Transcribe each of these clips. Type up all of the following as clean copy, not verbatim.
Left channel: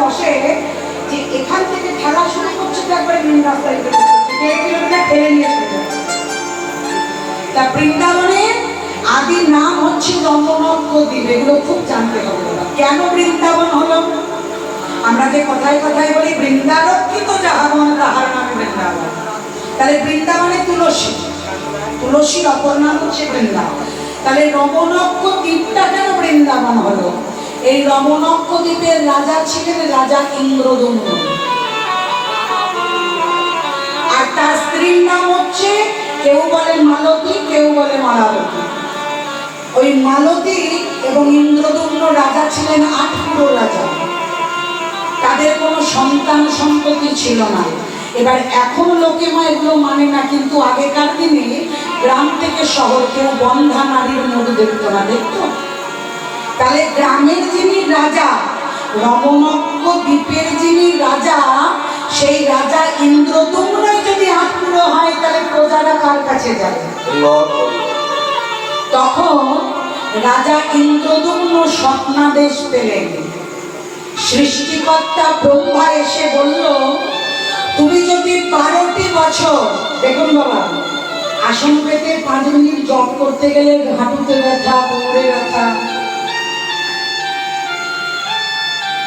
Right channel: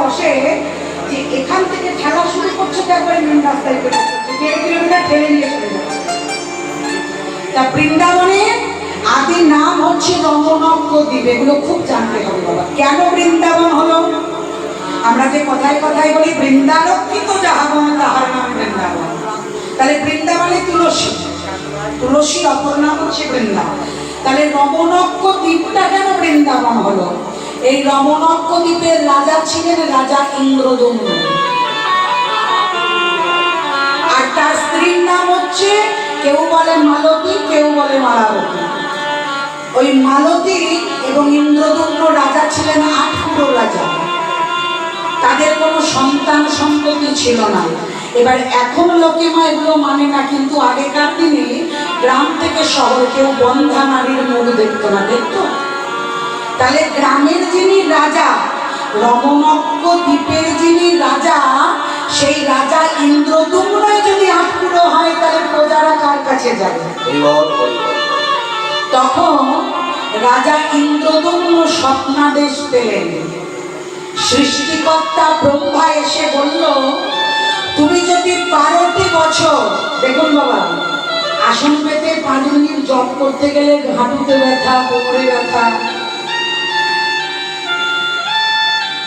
বসে যে এখান থেকে খেলা শুরু করছে তো একবারে রাস্তায় পেরে 1.5 কিলোমিটার ঠেলে নিয়ে চলে যাচ্ছে। তা বৃন্দাবনে আদি নাম হচ্ছে রমণজ্ঞ দ্বীপ। এগুলো খুব জানতে হবে বাবা। কেন বৃন্দাবন হলো? আমরা যে কথায় কথায় বলি বৃন্দারক্ষিত যাহাবন তাহার নাম বৃন্দাবন। তাহলে বৃন্দাবনে তুলসী, তুলসীর অপর নাম হচ্ছে বৃন্দাবন। তাহলে রমণজ্ঞ দ্বীপটা কেন বৃন্দাবন হলো? এই রমণজ্ঞ দ্বীপের রাজা ছিলেন রাজা ইন্দ্রদম্ন, আর তার স্ত্রীর নাম হচ্ছে কেউ বলে মালতী, কেউ বলে মালাবতী। ওই মালতী এবং ইন্দ্রদম্ন রাজা ছিলেন 8 পুরো রাজা। তাদের কোনো সন্তান সন্ততি ছিল না। এবার এখন লোকে মা এগুলো মানে না, কিন্তু আগেকার দিনে গ্রাম থেকে শহর কেউ বন্ধা নারীর মুখ দেখতো না, দেখতো? তাহলে গ্রামের যিনি রাজা, রমণজ্ঞ দ্বীপের যিনি রাজা, সেই রাজা ইন্দ্রদম্নই যদি 8 পুরো হয় তাহলে প্রজারা কার কাছে যাবে? তখন রাজা ইন্দ্রদম্ন স্বপ্নাদেশ পেলেন। সৃষ্টিকর্তা ব্রহ্মা এসে বলল, তুমি যদি 12টি বছর, দেখুন বাবা, আসন পেতে 5 মিনিট জপ করতে গেলে হাঁটুতে ব্যথা, কোমরে ব্যথা।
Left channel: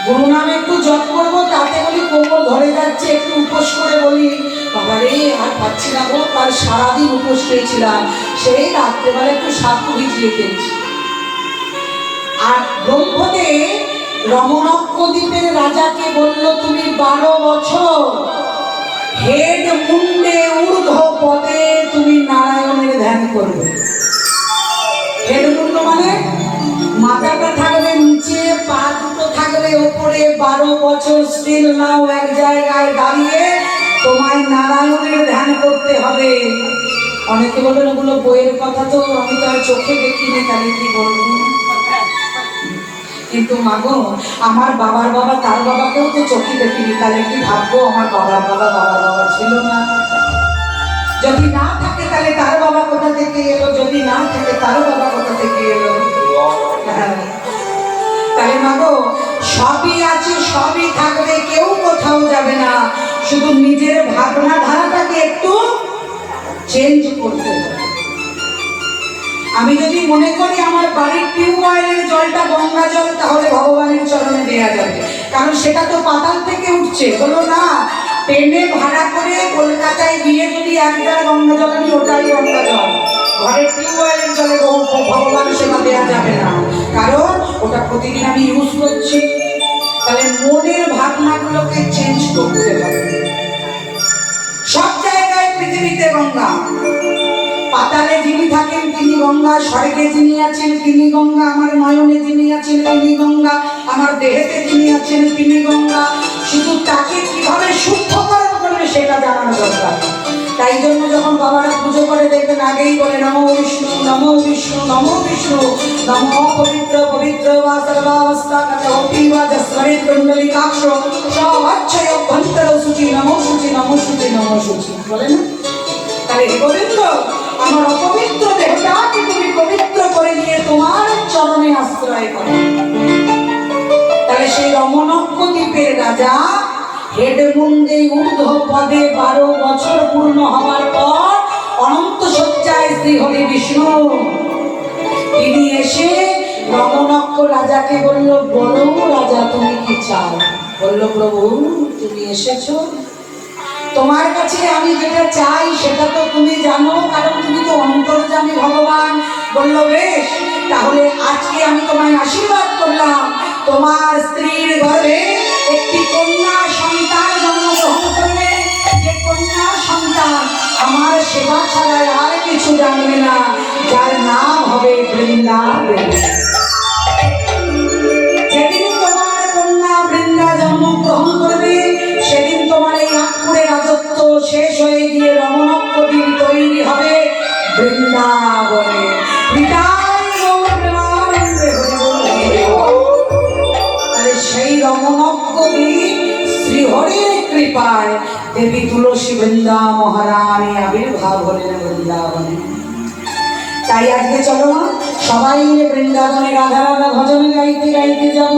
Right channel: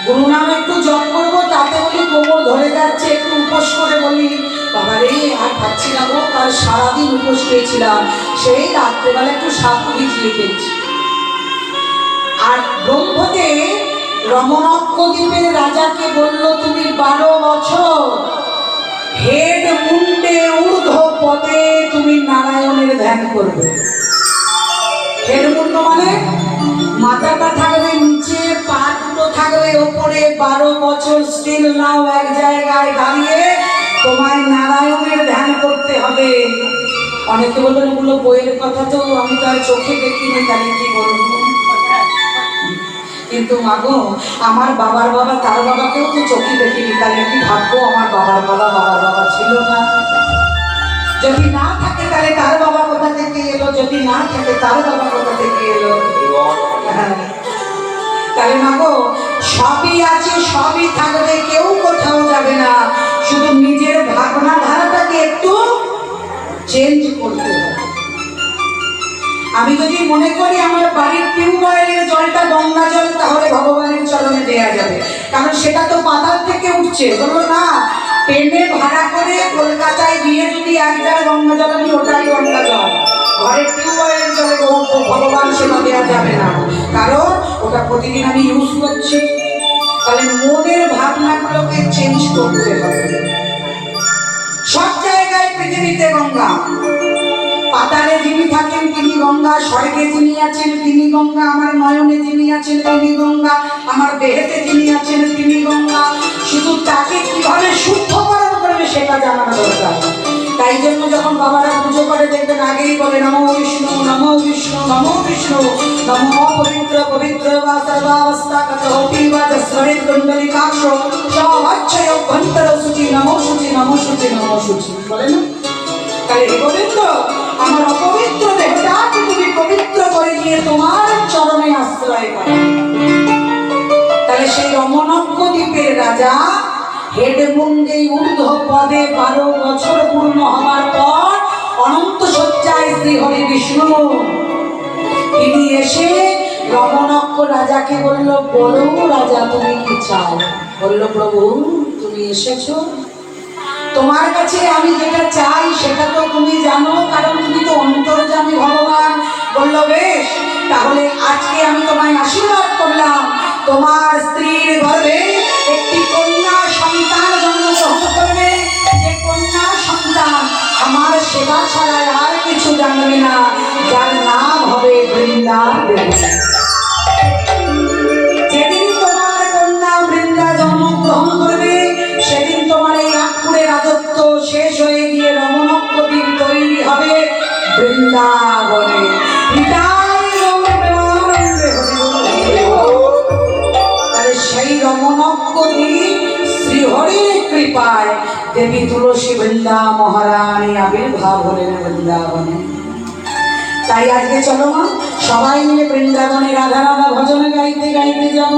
গুরু নাম একটু জপ করবো, তাতে বলি কোমর ধরে যাচ্ছে, একটু উপোস করে বলি বাবা রে আর পাচ্ছি না গো, কাল সারাদিন উপোস খেয়েছিলাম, সেই রাত্রেবেলা একটু সাপু ভিজিয়ে খেয়েছি। আর ব্রহ্মদেব রমণজ্ঞ দ্বীপের রাজাকে বলল, তুমি 12 বছর হেড মুন্ডে ঊর্ধ্ব পদে তুমি নারায়ণের ধ্যান করবে। হেড মুন্ড মানে মাথাটা থাকবে নিচে, পা দুটো থাকবে ওপরে। 12 বছর স্টিল নাও এক জায়গায় দাঁড়িয়ে তোমায় নারায়ণের ধ্যান করতে হবে। অনেকে বলবেন ওগুলো বইয়ের কথা, তো আমি তো আর চোখে দেখিনি, তাহলে কি বলবো? কিন্তু মাগো, আমার বাবার বাবা তার বাবাকেও তো চোখে দেখিনি, তাহলে কি ভাববো আমার বাবার বাবা বাবার বাবা ছিল না? যদি না থাকে তাহলে তার বাবা কোথা থেকে এলো? যদি না থাকে তার বাবা কোথা থেকে এলো? তাহলে মাগো, সবই আছে, সবই থাকবে, কেউ কোথাও যাবে না। শুধু নিজের ভাবনা ধারাটাকে একটু চেঞ্জ করতে হবে। আমি যদি মনে করি আমার বাড়ির টিউবওয়েলের জলটা গঙ্গা জল, তাহলে ভগবানের চরণে দেয়া যাবে, কারণ সেটা তো পাতাল থেকে উঠছে। বলো না, ট্রেনে ভাড়া করে কলকাতায় গিয়ে যদি 1 জার গঙ্গা জল আনি, ওটাই গঙ্গা জল। ঘরের টিউবওয়েলের জলে ভগবান সেবা দেওয়া যাবে না, কারণ ওটা প্রতিদিন আমি ইউজ করছি। তাহলে মনের ভাবনাগুলোকে চেঞ্জ করতে হবে। সব জায়গায় পৃথিবীতে গঙ্গা, পাতালে যিনি থাকেন তিনি গঙ্গা, স্বর্গে যিনি আছেন তিনি গঙ্গা, আমার নয়নে যিনি আছেন তিনি গঙ্গা, আমার দেহেতে যিনি আছেন তিনি গঙ্গা। শুধু তাকে কিভাবে শুদ্ধকরণ করবে সেটা জানানো দরকার। তাই জন্য যখন বাবারা পুজো করে দেখবেন আগেই বলে নমো বিষ্ণু, নমো বিষ্ণু, নমো বিষ্ণু, নমো পবিত্র পবিত্র বা সর্বাবস্থা কতোপি বা জস্বরে কুণ্ডলিকাক্ষ সহচ্ছয় অভ্যন্তর সূচি, নমো সূচি, নমো সূচি, নমো সূচি বলে না? তাহলে হে পবিত্র, আমার অপবিত্র দেহটাকে তুমি পবিত্র করে নিয়ে তোমার চরণে আশ্রয় করো। তাহলে সেই রমণজ্ঞ দ্বীপের রাজা হেড মুন্ডে ঊর্ধ্ব পদে 12 বছর পূর্ণ হওয়ার পর অনন্ত শয্যায় শ্রী হরি বিষ্ণু তিনি এসে রমণজ্ঞ রাজাকে বলল, বলো রাজা তুমি কি চাও? বলল, প্রভু তুমি এসেছো, তোমার কাছে আমি যেটা চাই সেটা তো তুমি জানো, কারণ তুমি তো অন্তর্যামী ভগবান। বলল, বেশ, তাহলে আজকে আমি তোমায় আশীর্বাদ করলাম, তোমার স্ত্রীর ঘরে একটি কন্যা সন্তান জন্মগ্রহণ করবে। যে কন্যা সন্তান আমার সেবা ছাড়াই আর কিছু জানবে না, যার নাম হবে বৃন্দাবন। যেদিন তোমার কন্যা বৃন্দা জন্মগ্রহণ করবে, সেদিন তোমার এই নাগপুরের রাজত্ব শেষ হয়ে গিয়ে রমণজ্ঞ দ্বীপ তৈরি হবে বৃন্দাবনে। তাহলে সেই রমণজ্ঞ দ্বীপ শ্রীহরির কৃপায় দেবী তুলসী বৃন্দা মহারানী আবির্ভাব হলেন বৃন্দাবনে। তাই আজকে চলো মা সবাই মিলে বৃন্দাবনে রাধা রাধা ভজন গাইতে গাইতে যাব।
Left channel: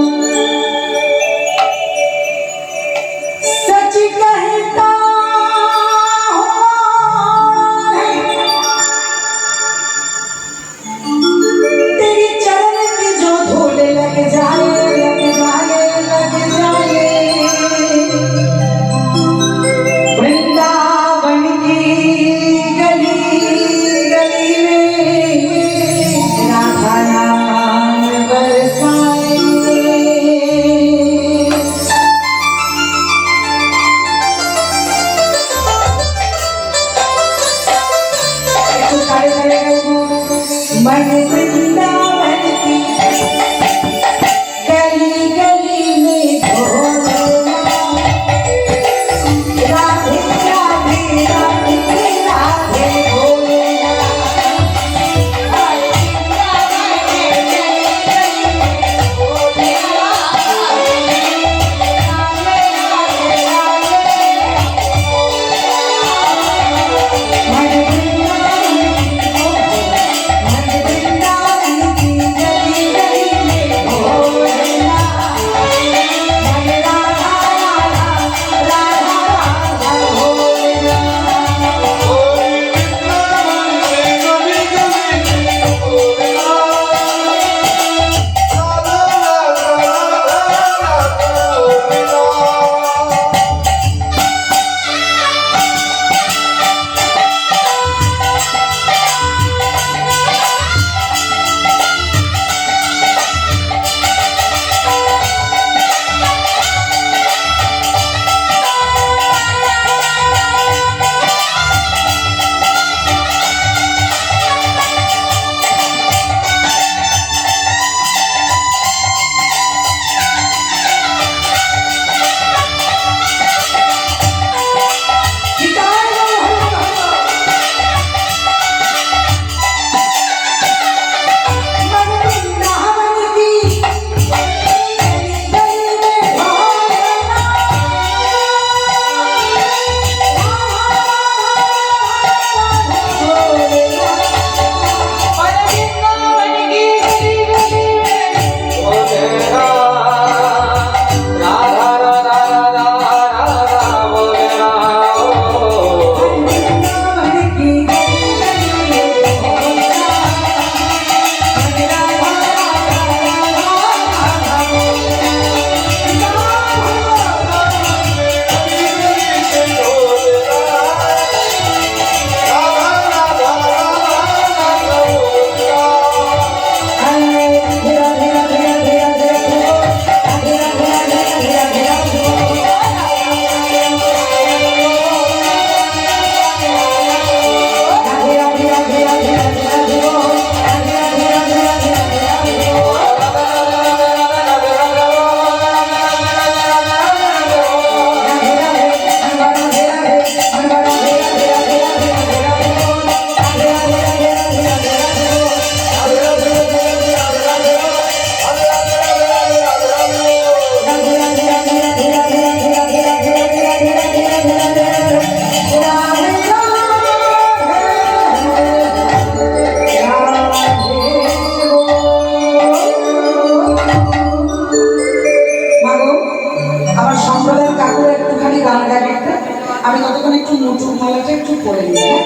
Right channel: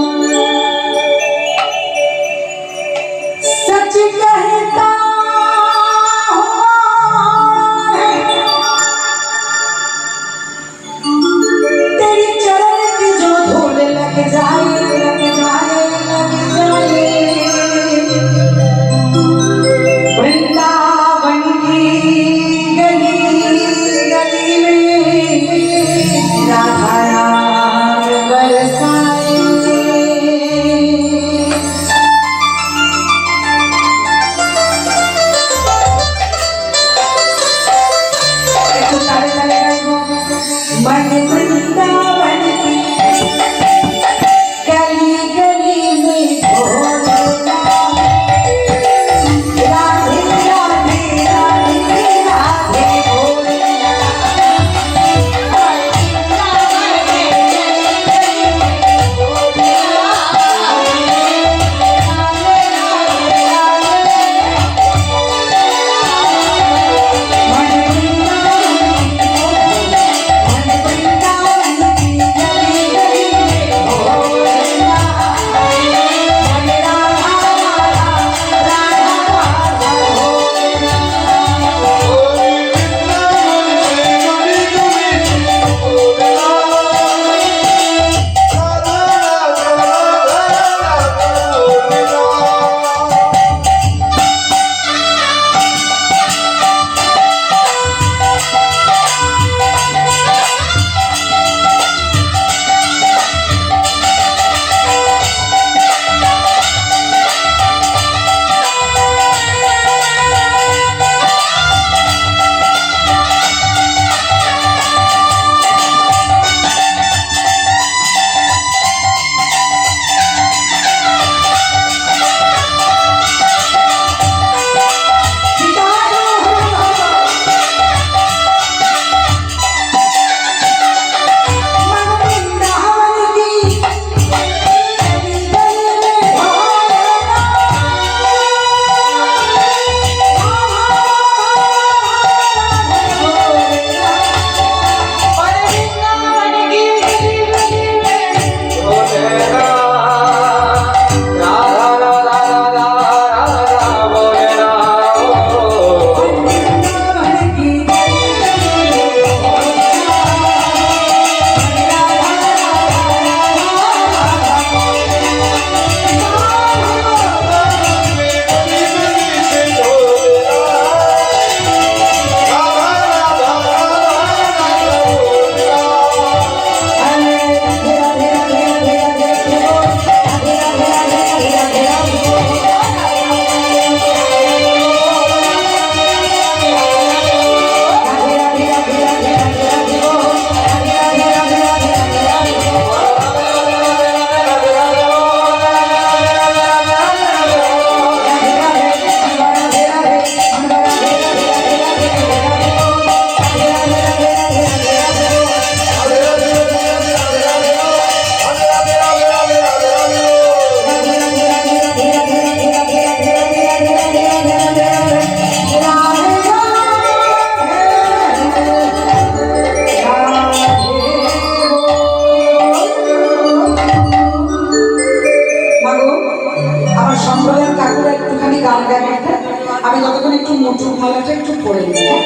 একটু পরে নিই, হ্যাঁ?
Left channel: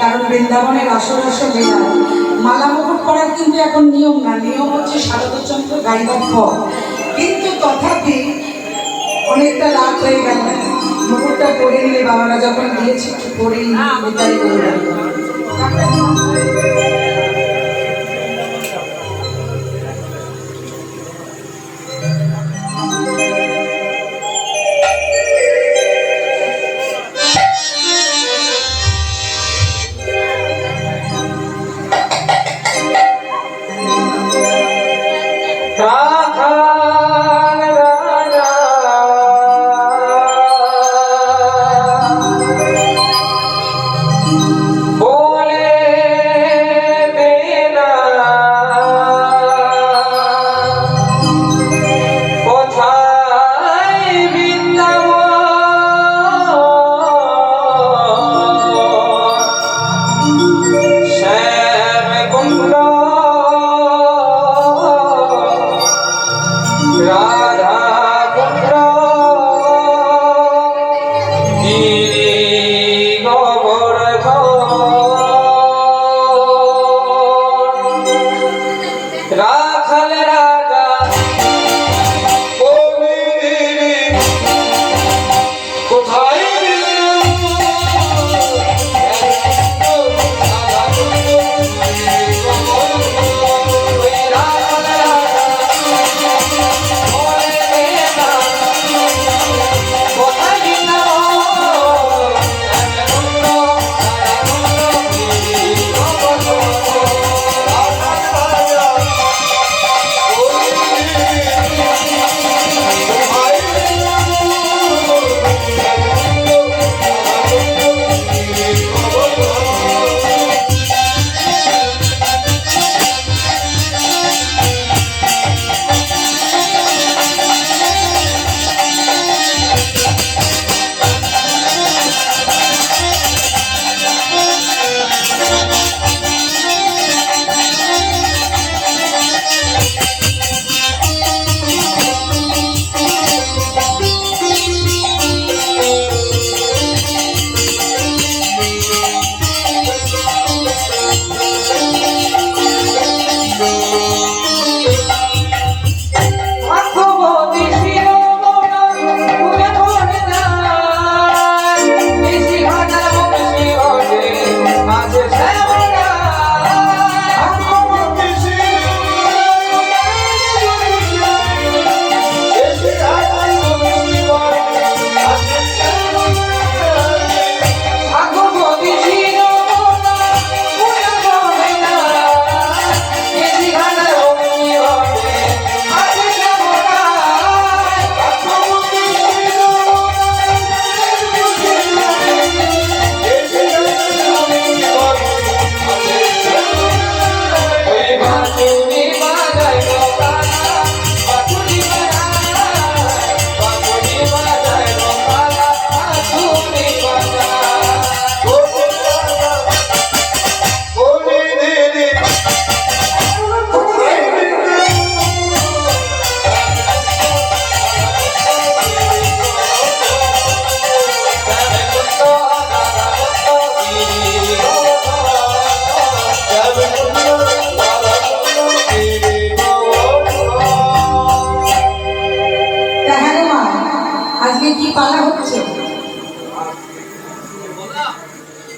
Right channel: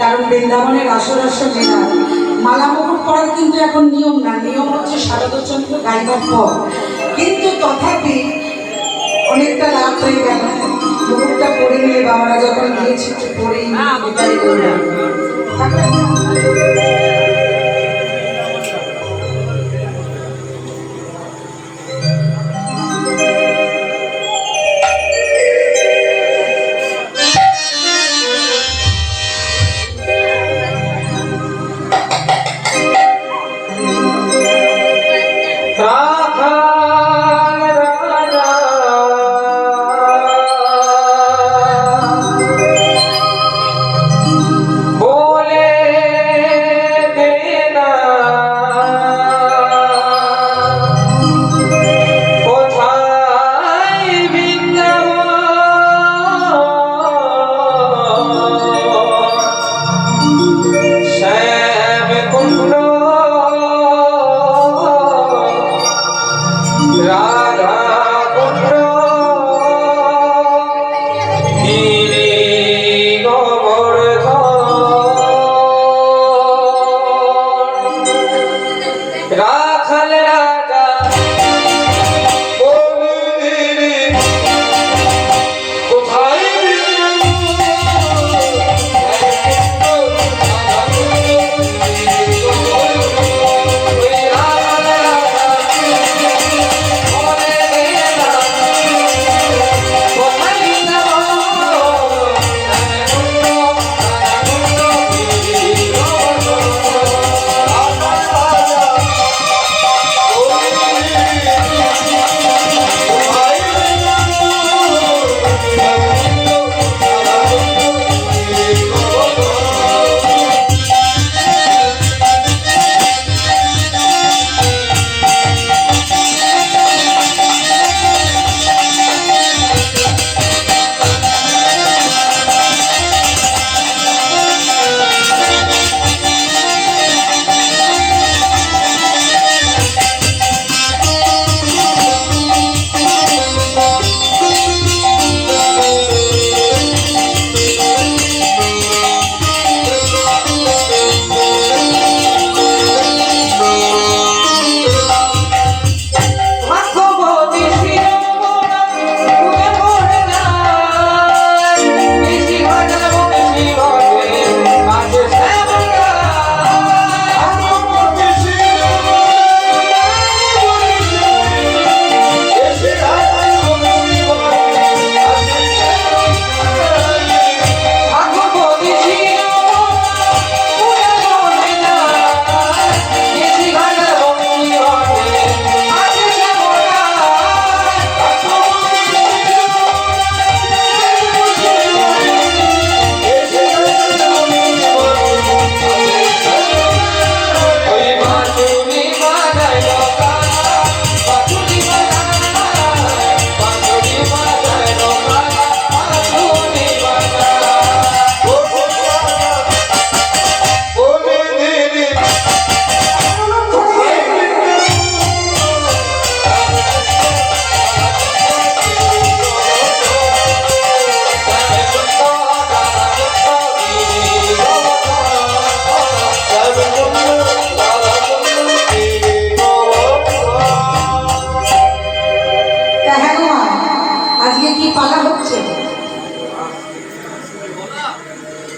কারণ বৃন্দাবনের আসর আসর মেলা মালা মুকুট পরার কিন্তু এখন নিয়ম না, নিয়ম হচ্ছে শারদচন্দ্র গাইবার পর। কিন্তু তথাপি অনেকটা রাত হয়ে গেল, মুকুটটা পরে নিলে বাবারা যখন গিয়েছে একটু পরেই এটাই বলবেন।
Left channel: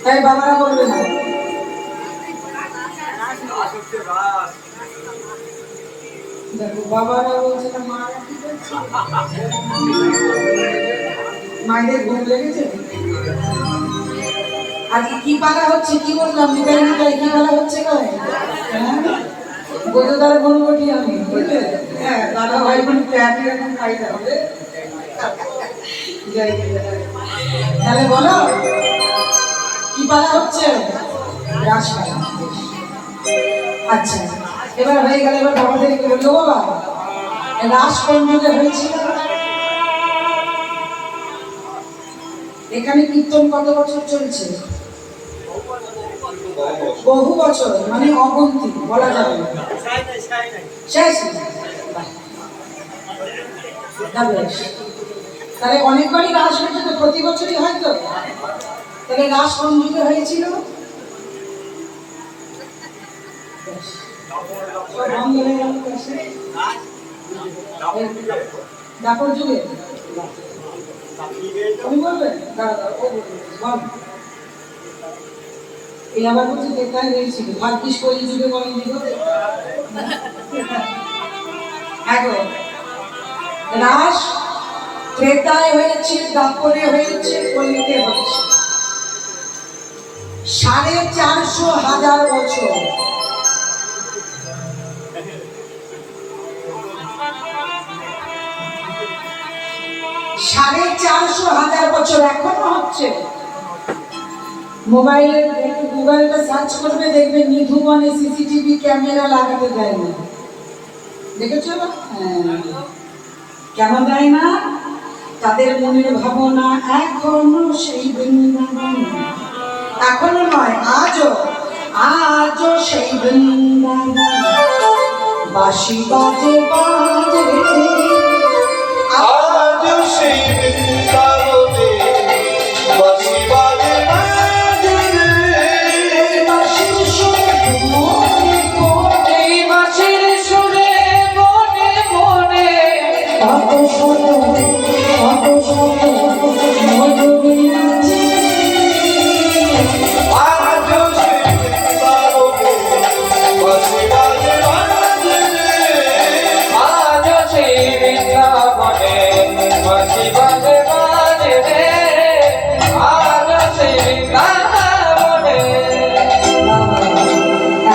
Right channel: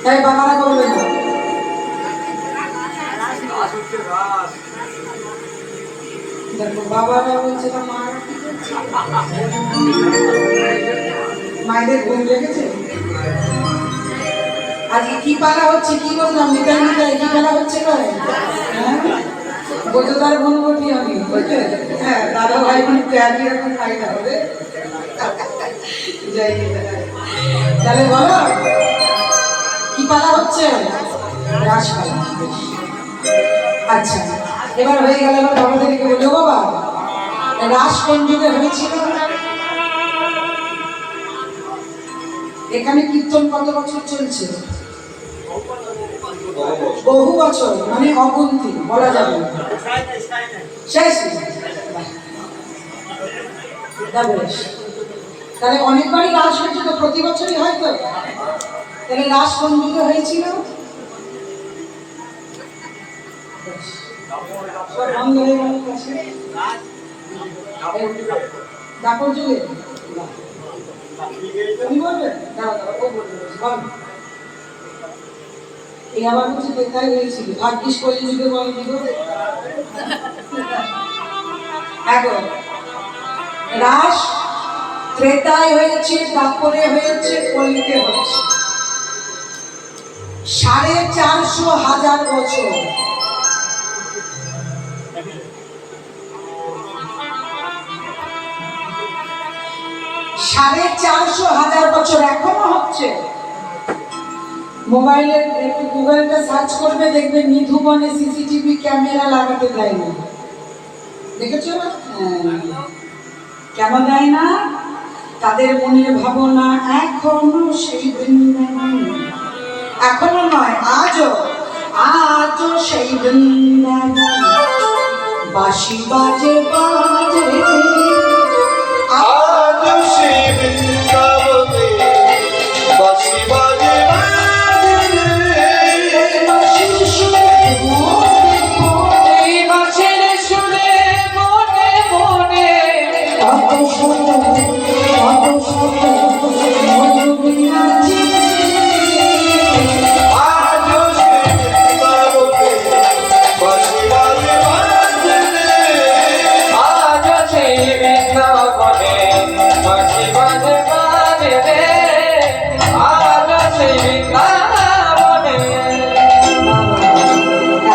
তাই বাবারা বলবে না। দেখো বাবারা বলছে না, মারা কি করছে, মায়েদের ঘুম লেগেছে। আজকে কি পালা হচ্ছে, কি বললাম, নিতাই নিতাই কি পালা হচ্ছে কয় বোঝাদার বলবটি আমি, বুঝলে? হ্যাঁ, দাদা ভাই বোন একই রকম খাই তাহলে। তাহলে বলো কি পালা হচ্ছে? রাসপালা। আচ্ছা, এবার হয়ে গেল। এবার বাবাদেরকে বলি, ও বাবা, রাস কোন যুগে হয়েছিল? এখানে কীর্তন কত বছর চলছে? বহু বছর, মানে অগুন্তি বলা যাবে না। শেষ। তাহলে অনেকবারই রাস হয়েছে তো, প্রতি বছরই হয়তো। তাহলে রাস কোন যুগে হয়েছিল? বন্ধ হয়ে গেল কাছে দাপর যুগে। তুমি বলবে? দাঁড়া দাঁড়া, ও বলবে বল। এই আবার হচ্ছে কোথায় হয়েছিল? ভাগ্যিস কোন যুগে বলেনি গো। দেখো, রাস ত্রেতায় হয়েছে, দাপরে হয়েছে, কলিতে হয়েছে। 450,000 বছর। সাড়ে 450,000 বছর এখনো হচ্ছে। মোবাইলে একটু গুগলটা সার্চ করবে, দেখবে নিধুবনে সিসিটিভি ক্যামেরা লাগাতে দেয় না। দেখেছো? কেন দেয় না? তাদের মনের ভাবনা এখনো সেই বৃন্দাবন। এখনো নয়, আজও আজও সেই বৃন্দাবন। বাঁশি বাজে বাজে আজও সেই বৃন্দাবনে, বাঁশি বাজে বাজে বাঁশির সুরে মনে মনে, এই মাছের সুরে মনে মনে কত শত মধুরী নাচে। আজও সেই বৃন্দাবনে, বাঁশি বাজে বাজে আজও সেই বৃন্দাবনে বাঁশি বাজে বাজে রে, আজও সেই বৃন্দাবনে।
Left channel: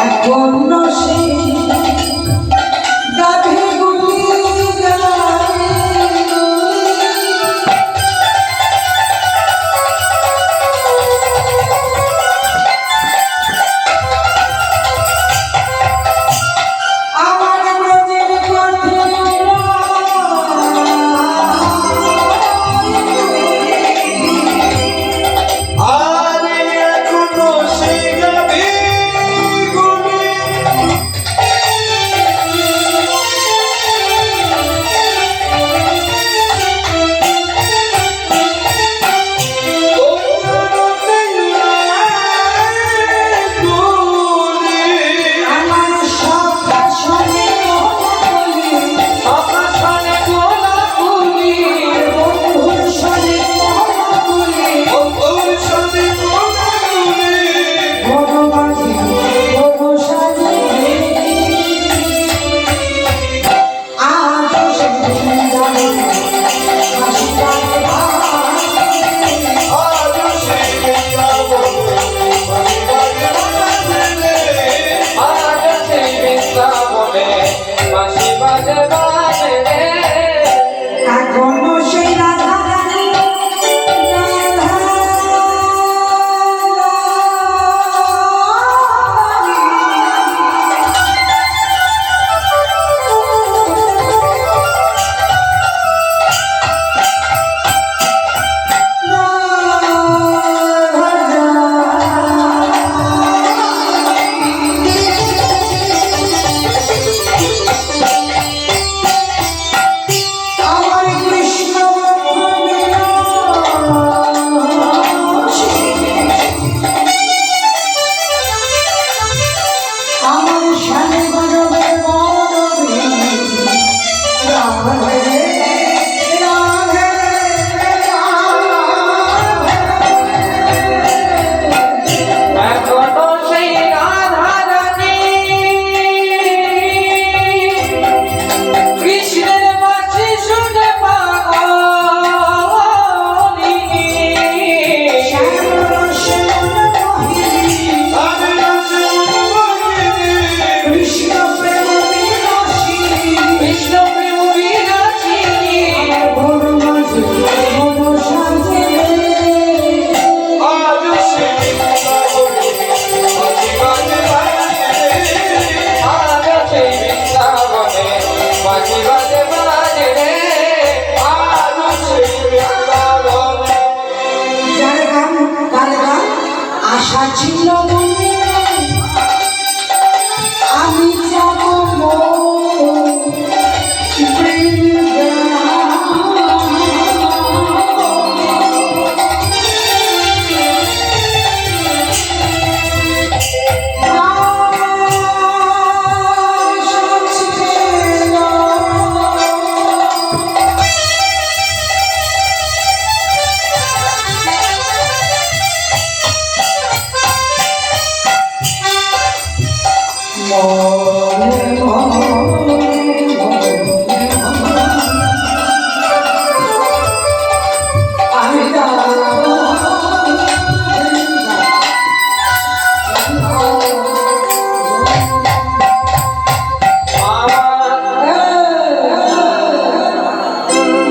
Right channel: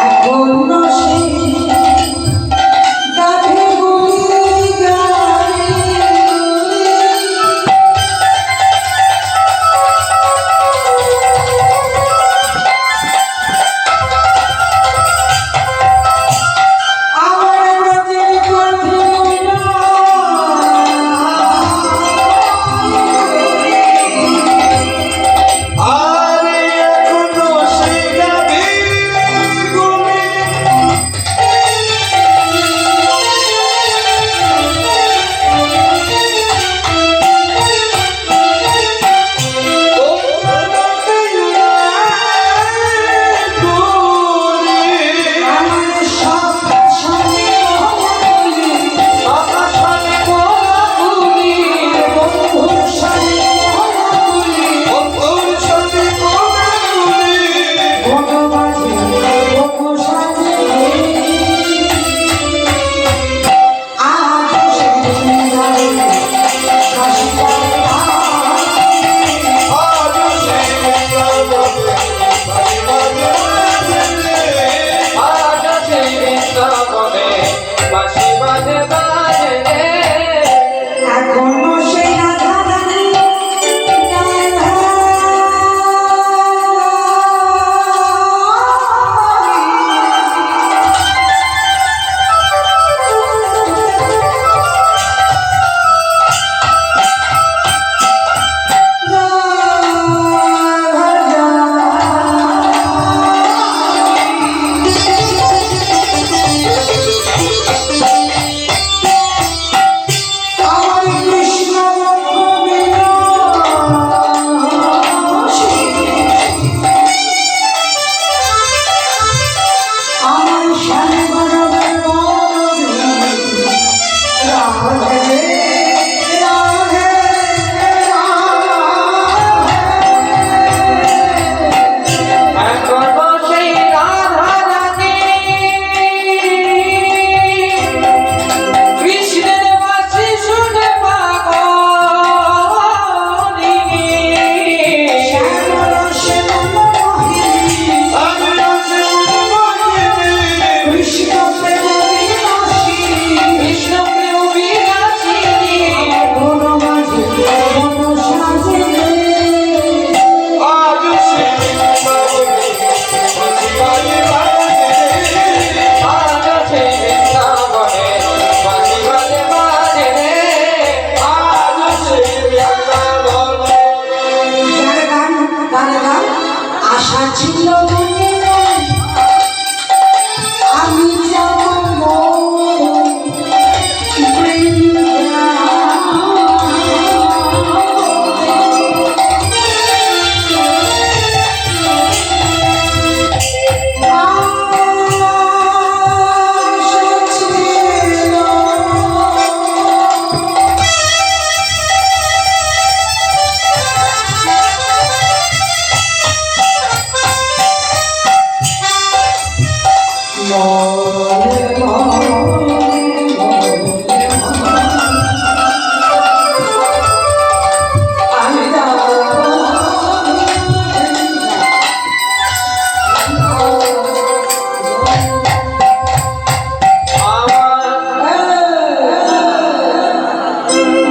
এখনো সেই গাভীগুলি গায়,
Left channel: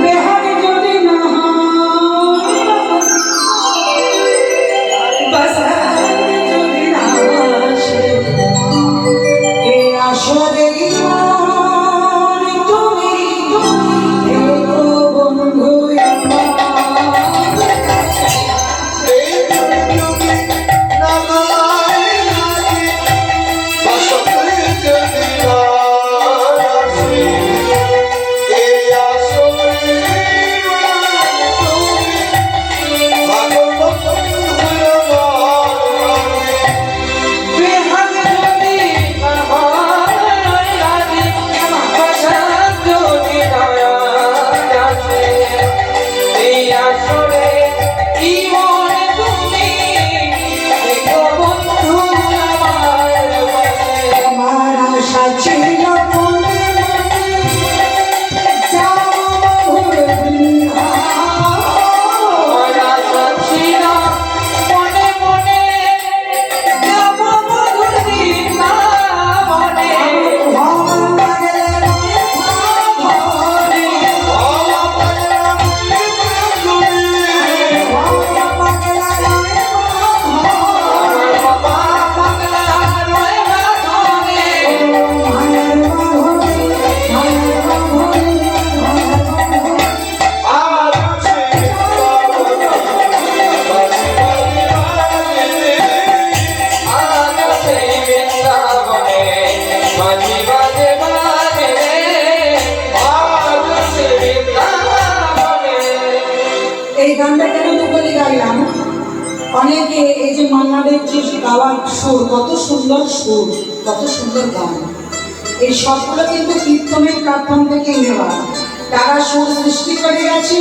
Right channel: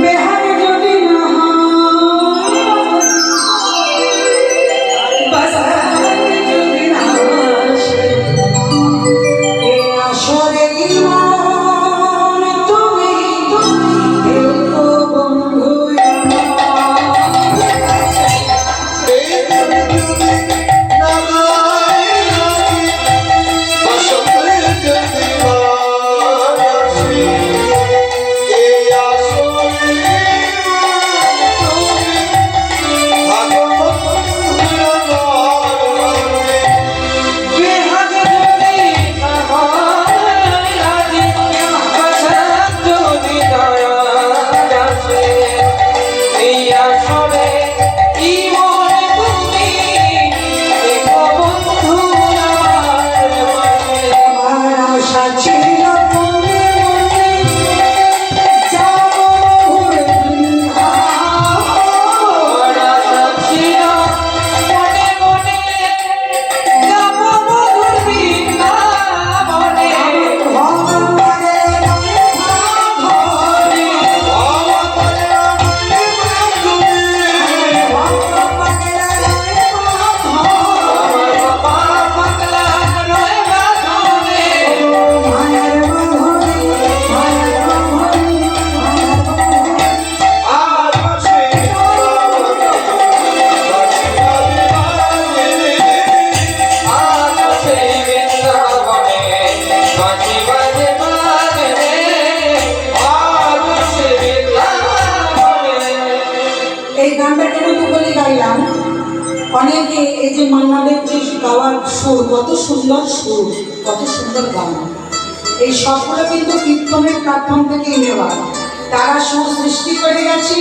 বেহারি যদি না বাসারি যদি না আসে এ আসরে মন তুমি থেকো বন্ধু আমার। এই প্রেম যদি না গায় নাকি, বসন্তে যদি না আসে, এই আসরে তুমি থাকো বন্ধু আমার। বেহাগে যদি না হয় রাজি, বাসার যদি দয়া আসে, এই আসরে কি মনে তুমি থেকো বন্ধু আমার পাশে। আমার আশা ছিল মনে মনে যাব মহুর আমার আশা ছিল মনে মনে যাব মধুর বৃন্দাবনে। আমার বাবা পাগলা রয়ে বাঁধনে। আজ সেই বৃন্দাবনে বাজি বাজে বাজে রে, আজ সেই বৃন্দাবনে। এই গানটা কেন তো বলে গাইলাম, অনেকে এই যে মান্নাদের যে গাওয়ার সুর, কত সুন্দর সুর, কত সুন্দর গান, এই সবগুলো কিন্তু কীর্তনের প্ল্যাটফর্ম থেকে নেওয়া। তারা সুর সৃষ্টি করে গেছে,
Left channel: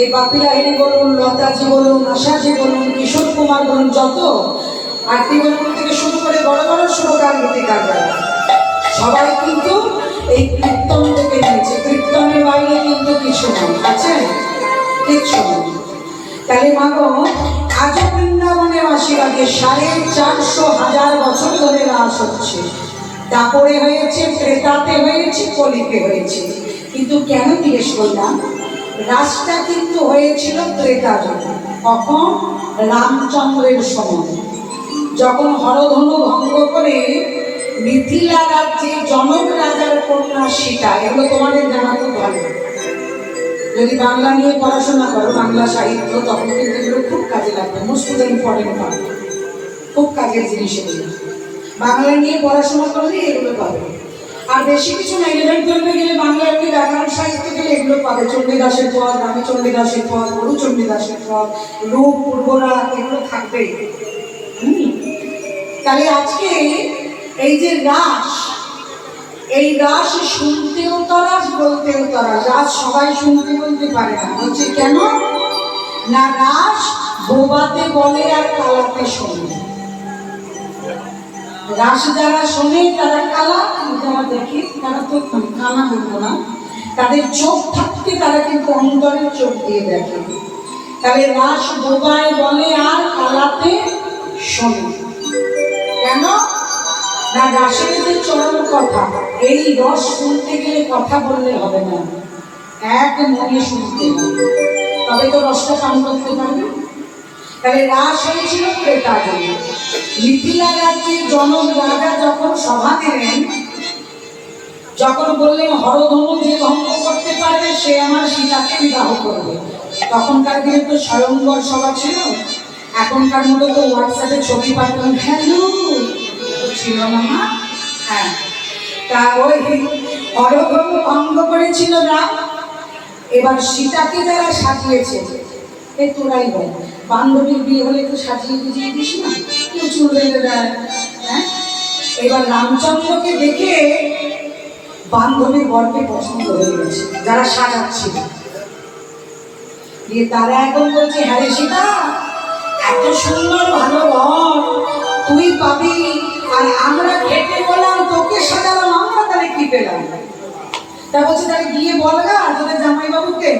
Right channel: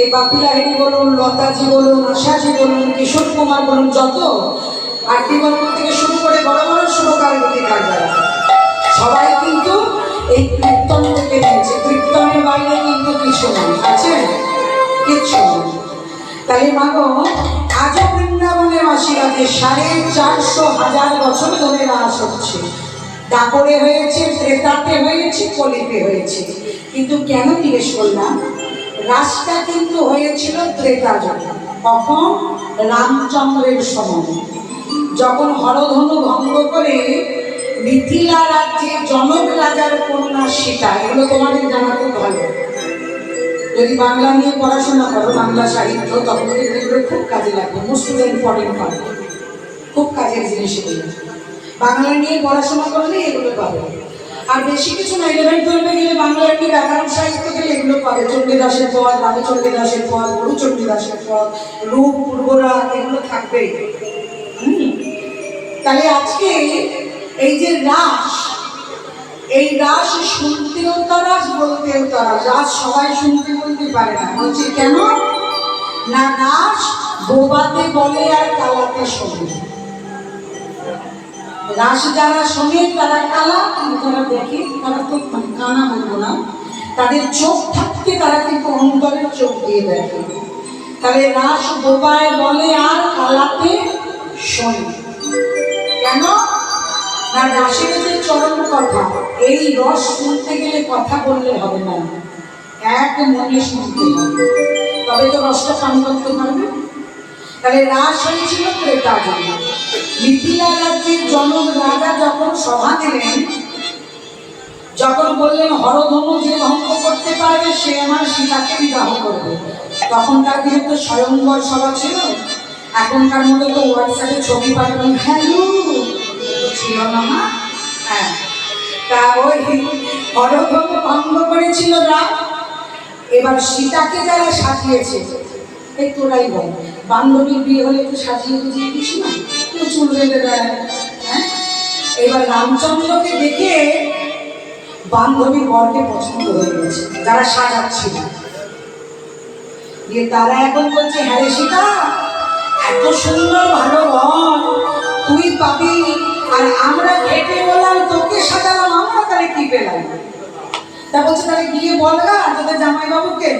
এই বাপি লাহিড়ী বলুন, লতাজি বলুন, আশাজি বলুন, কিশোর কুমার বলুন, যত আরতি বর্মন থেকে শুরু করে বড় বড় সুরকার গীতিকার যারা, সবাই কিন্তু এই কীর্তন থেকে নিয়েছে। কীর্তনের বাইরে কিন্তু কিছু নাই, আছে কিচ্ছু নেই। তাহলে মাগো, আজও বৃন্দাবনে বাসীরাতে 450,000 বছর ধরে রাস হচ্ছে। দাপরে হয়েছে, ত্রেতাতে হয়েছে, কলিতে হয়েছে। কিন্তু কেন জিজ্ঞেস করলাম, রাসটা কিন্তু হয়েছিল ত্রেতা যুগে। কখন? রামচন্দ্রের সময়, যখন হরধনু ভঙ্গ করে মিথিলা রাজ্যে জনক রাজার কন্যা সীতা, এগুলো তোমাদের জানা খুব ভালো। যদি বাংলা নিয়ে পড়াশোনা করো, বাংলা সাহিত্য, তখন কিন্তু এগুলো খুব কাজে লাগবে। মোস্ট ইম্পর্টেন্ট পাবে, খুব কাজের জিনিস এগুলো। বাংলা নিয়ে পড়াশোনা করলে এগুলো পাবে। আর বেশি কিছু না, 11 12 গেলে বাংলা এমনি ব্যাকরণ সাহিত্য গেলে এগুলো পাবে। চণ্ডীদাসের পদ, রামচন্দ্রদাসের পদ, গুরুচণ্ডীদাসের পদ, রূপ, পূর্বরাগ, এগুলো থাকবেই। তাহলে আজকে এই যে রাস, এই রাস শুনতেও তরাস, বলতেও তরাস। রাস সবাই শুনতে বলতে পারে না, বলছে কেন না, রাস বোবাতে বলে আর কালাতে শোনে। রাস যারা শোনে তারা কালা, যারা দেখে তারা তো কানা বলবো না, তাদের চোখ থাকতে তারা কিন্তু অন্তরের চোখ দিয়ে দেখে। তাহলে রাস বোবায় বলে আর কালাতে শোনে। কেন না, রাসের যে চরম কথা, এই রস শুনতে গেলে কথা বললে হবে না, এক মনে শুনতে হবে, তবে তো রসটা পান করতে পারবে। তাহলে রাস হয়েছিল ত্রেতা যুগে। মিথিলা রাজ্যের জনক রাজা যখন সভা দিলেন, যখন বললেন হরধনু যে ভঙ্গ করতে পারবে সে আমার সীতাকে বিবাহ করবে, তখনকার দিনে তো স্বয়ংবর সভা ছিল, এখনকার মতো তো হোয়াটসঅ্যাপে ছবি পাঠাবেন, হ্যালো ছিল না মা। হ্যাঁ, তা ওই হরধনু ভঙ্গ করেছিল রাম। এবার সীতাকে যারা সাজিয়েছে, এই তোরাই বল, বান্ধবীর বিয়ে হলে একটু সাজিয়ে বুঝিয়ে দিস না, কেউ চুল বেঁধে দেয়। হ্যাঁ, এবার রামচন্দ্রকে দেখে বান্ধবীর বরকে পছন্দ হয়ে গেছে যারা সাজাচ্ছিল। দিয়ে তারা এখন বলছে, হ্যাঁ রে সীতা, এত সুন্দর ভালো বর তুই পাবি, আর আমরা ঘেটে বললাম তোকে সাজালাম, আমরা তাহলে কি পেলাম? তা বলছে তাহলে গিয়ে বলগা তোদের জামাইবাবুকে,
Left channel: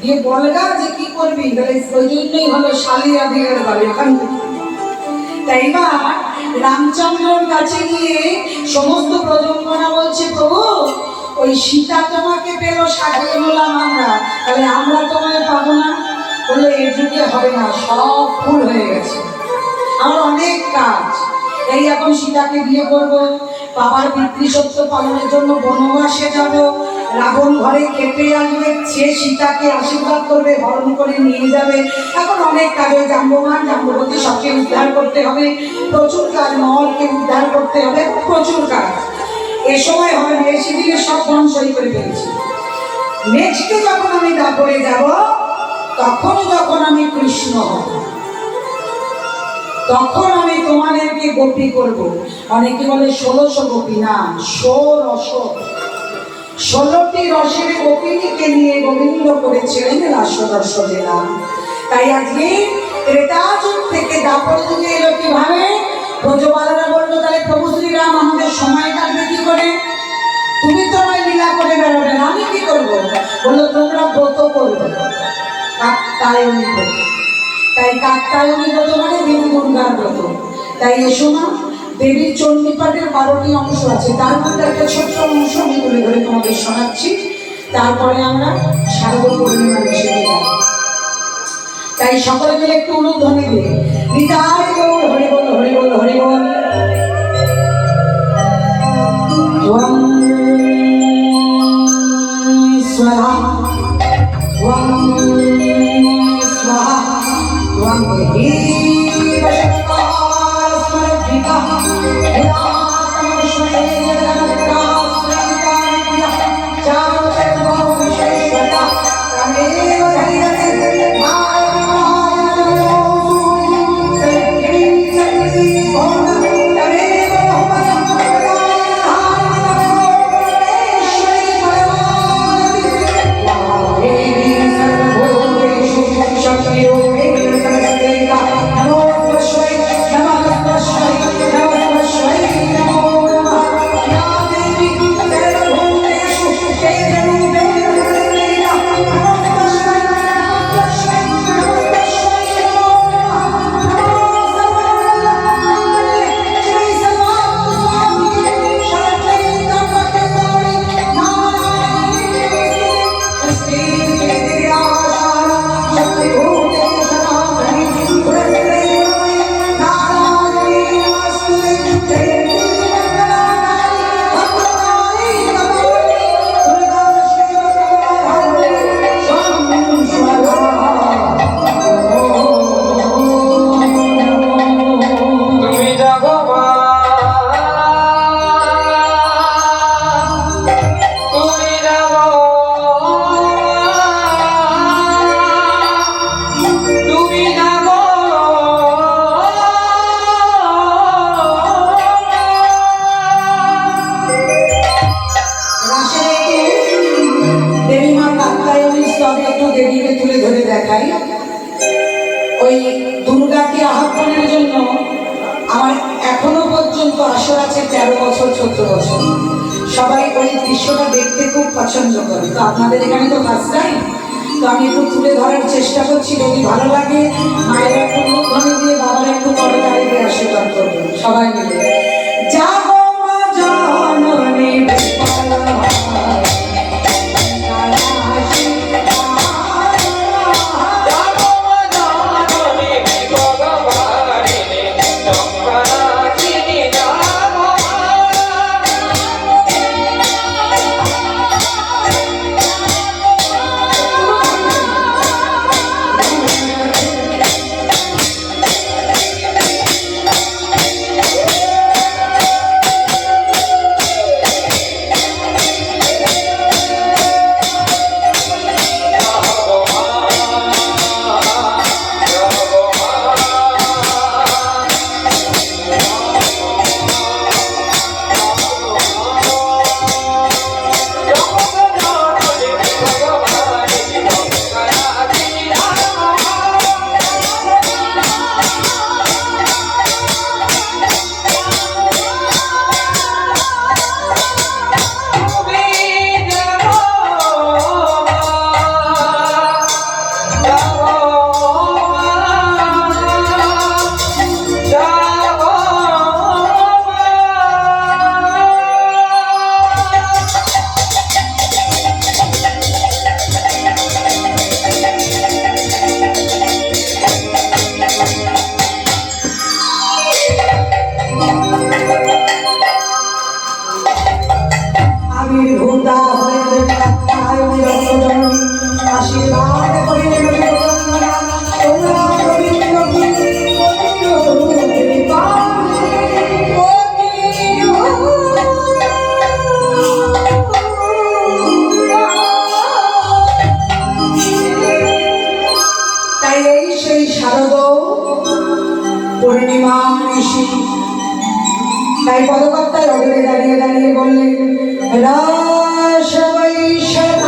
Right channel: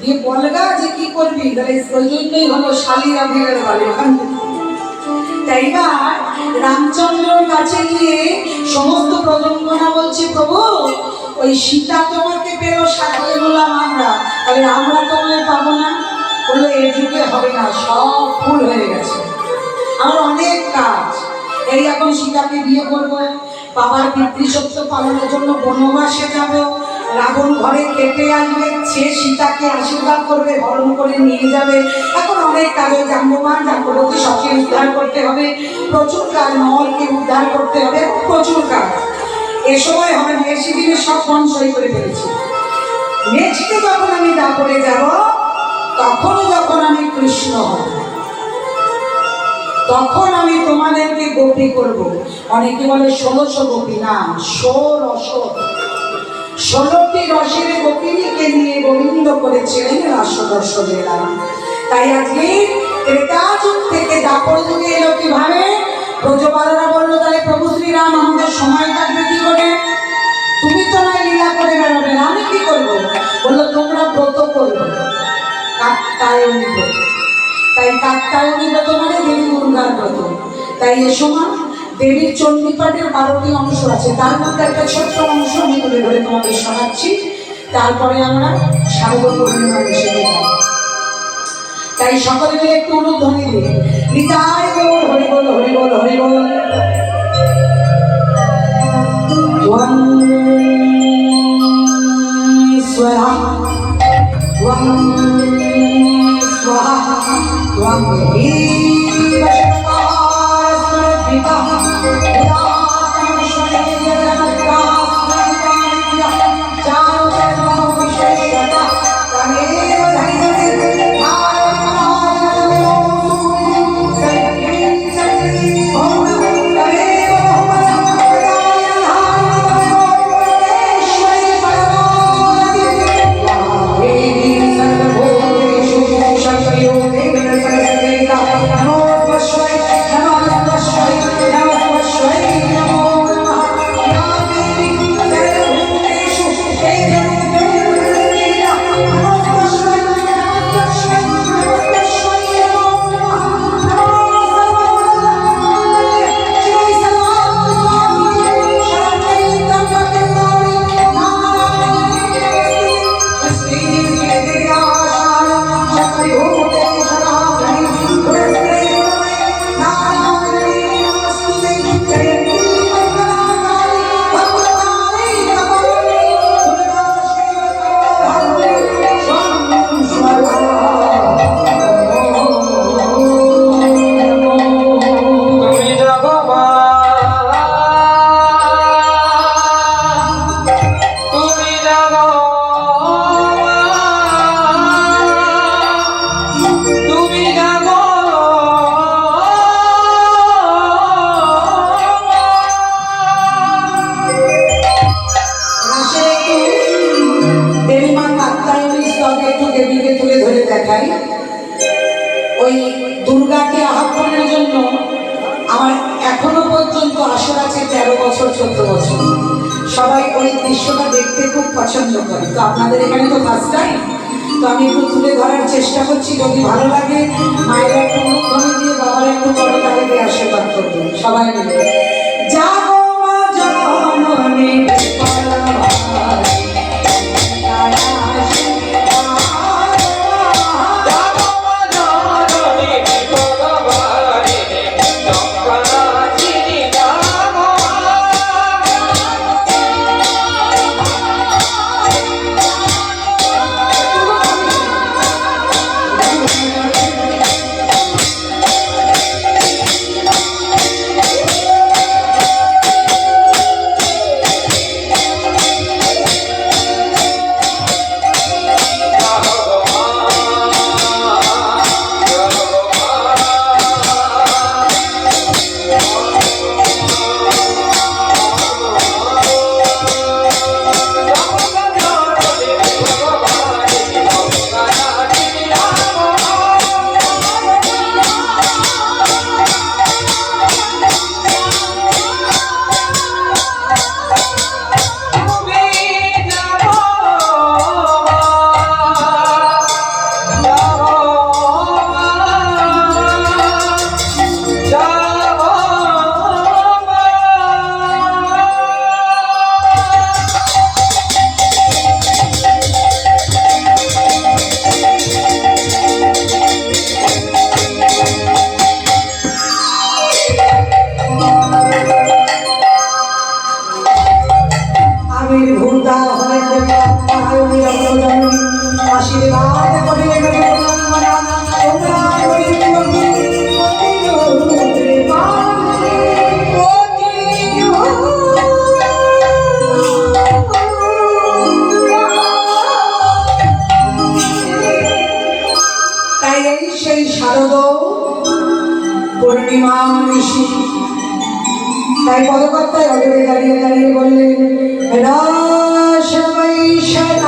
গিয়ে বলগা যে কি করবি, তাহলে ওই জন্যই হলো শালিয়া ভিড়ের বাড়ি ওখান থেকে। তাই বা রামচন্দ্রর কাছে গিয়ে সমস্ত প্রজন্মনা বলছে, প্রভু ওই সীতা তোমাকে পেলো, সাজিয়ে বললাম আমরা, তাহলে আমরা তোমায় পাবো না? বললো এ যুগে হবে না, সব ফুল হয়ে গেছে, আমার অনেক কাজ। এই এখন সীতাকে বিয়ে করবো, বাবার পিতৃসত্য পালনের জন্য বনবাসে যাব, রাবণ ঘরে খেতে আসবে, সে সীতাকে আশীর্বাদ করবে, হরণ করে নিয়ে যাবে। এখন অনেক কাজে জাম্বমান জাম্ববতী সবকে উদ্ধার করতে হবে, প্রচুর কাজ, নলকে উদ্ধার করতে হবে, প্রচুর কাজ। এ সময় হবে মেয়েছি দিকে সব ধ্বংসই করে ফেলেছি। নেক্সটে যখন আমি দাপরে যাব, যখন আমি কৃষ্ণ হব, তখন আমি তোমাদেরকে গোপী করব। অনেকে বলে 1600 গোপী, না, 16টি রসের গোপিনীকে নিয়ে গোবিন্দ করেছিলেন রাসরস লীলা। তাই আজকে ত্রেতা যুগ থেকে দাপর যুগে এলো কিভাবে? ব্রজবালারা বললো তাহলে প্রভু শ্রীরাম আমাদের সময় কাটবে কি করে? তুমি তো না লীলা করে বেড়াবে, আমি কি করবো? বললো তোমরা ব্রত করবে, কাত্যায়নী ব্রত। তাই কাত্যায়নী ব্রত মানে দেবী দুর্গার ব্রত। তাই এ সময় দেবীর চণ্ডীপাঠের 12টি অংশ আছে, তার মধ্যে একটা ছোট্ট অংশ আমি তুলে ধরে তোমাদের শোনাচ্ছি, তারপরে আমরা শারদীয় পূর্ণিমা এসে যাব। তাই সকলে মিলে একটু অনুধ্বনি দিই, নিতাই গৌর হরি বল, হরি বল, হরি বল। ত্বং স্বরা ত্বং স্বাহা ত্বং দেবী বশকার স্মরদ্ভিতঃ ওই দুর্গাকে আহ্বানের জন্য আমার এখনো পর্যন্ত আসর আছে 13 বছর 14 বছর। সবাই ওই দৃশ্যটা দেখতে খুব পছন্দ করে। তো আপনাদের এখানে তো ফার্স্ট টাইম, তো আমি একটু তুলে ধরার চেষ্টা করছি। যদি ভালো লাগে মায়ের একটু মুখধ্বনি দিয়ে, বাবার একটু করতালি দিয়ে আশীর্বাদ করবেন সবাই মিলে। জাগো মা জননী শারদ পূর্ণিমা ঋষি। তাই পদকর্তায় অদূরে দাঁড়িয়ে দাঁড়িয়ে বললেন, রাস বৈশাখ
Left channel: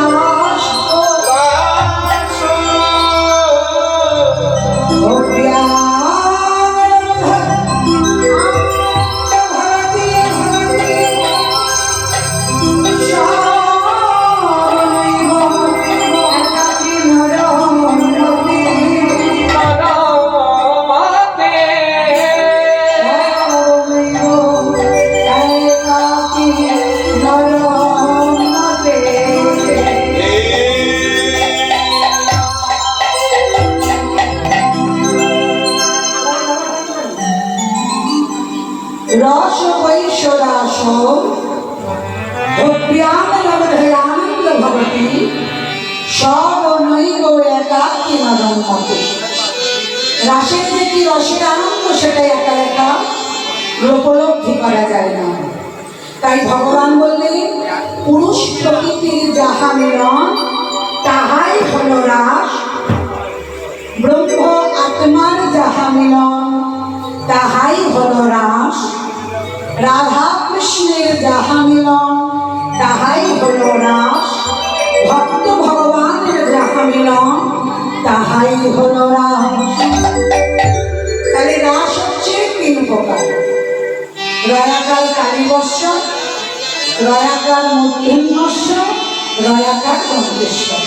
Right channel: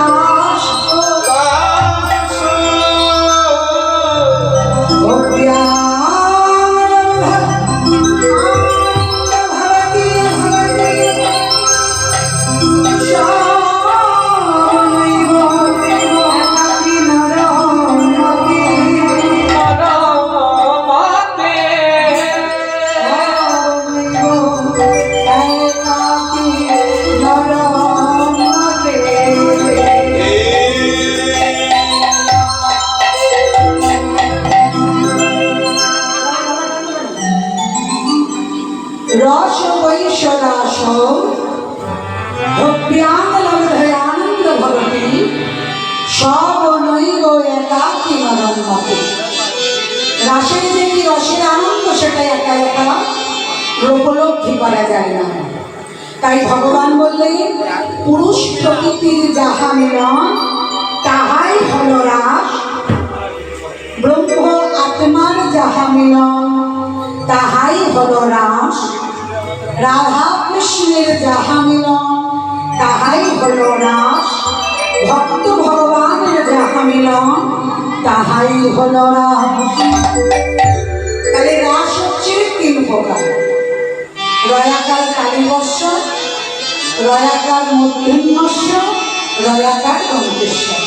রস বৈশ্বরাস ভব্যানন্দ ভবতি সব নৈব একাকী মদন্মতে। রাসের যে কি রসের আনন্দ সেটা একা একা উপলব্ধি করা যায় না। তাই ভগবান বললেন, পুরুষ প্রকৃতির যাহা মিলন তাহাই হল রাস, ব্রহ্ম আত্মার যাহা মিলন তাহাই হল রাস, রাধা কৃষ্ণের যাহা মিলন তাহাই হল রাস, ভক্ত ভগবানের যাহা মিলন তাহাই হল রাস। তাহলে রাস হচ্ছে তিন প্রকার, রয়াকার কালীবর্ষ, রয়াকার মূর্ধন্যস্য, রয়াকার দন্তেশ্বর।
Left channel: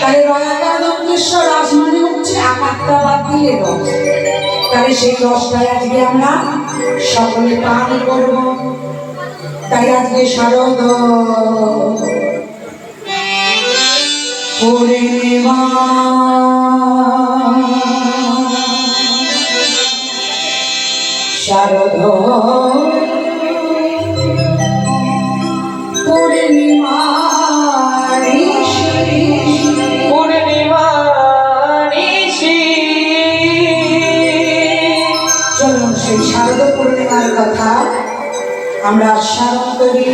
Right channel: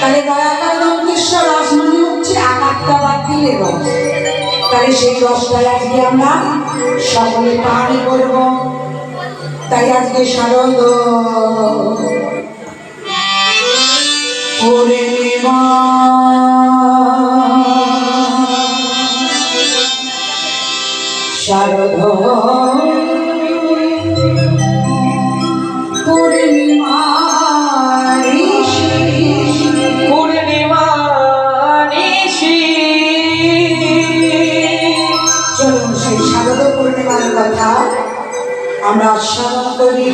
তাহলে রয়াকার দন্তেশ্বর রাস মানে হচ্ছে আকারটা বাদ দিলে রস। তাই সেই রসটাই আজকে আমরা সকলে পান করব। তাই আজকে শারদ পূর্ণিমা শারদ পূর্ণিমা পূর্ণিমা নিশি। চলুন সেই শারদ পূর্ণিমার কথা আমরা আস্বাদন করি।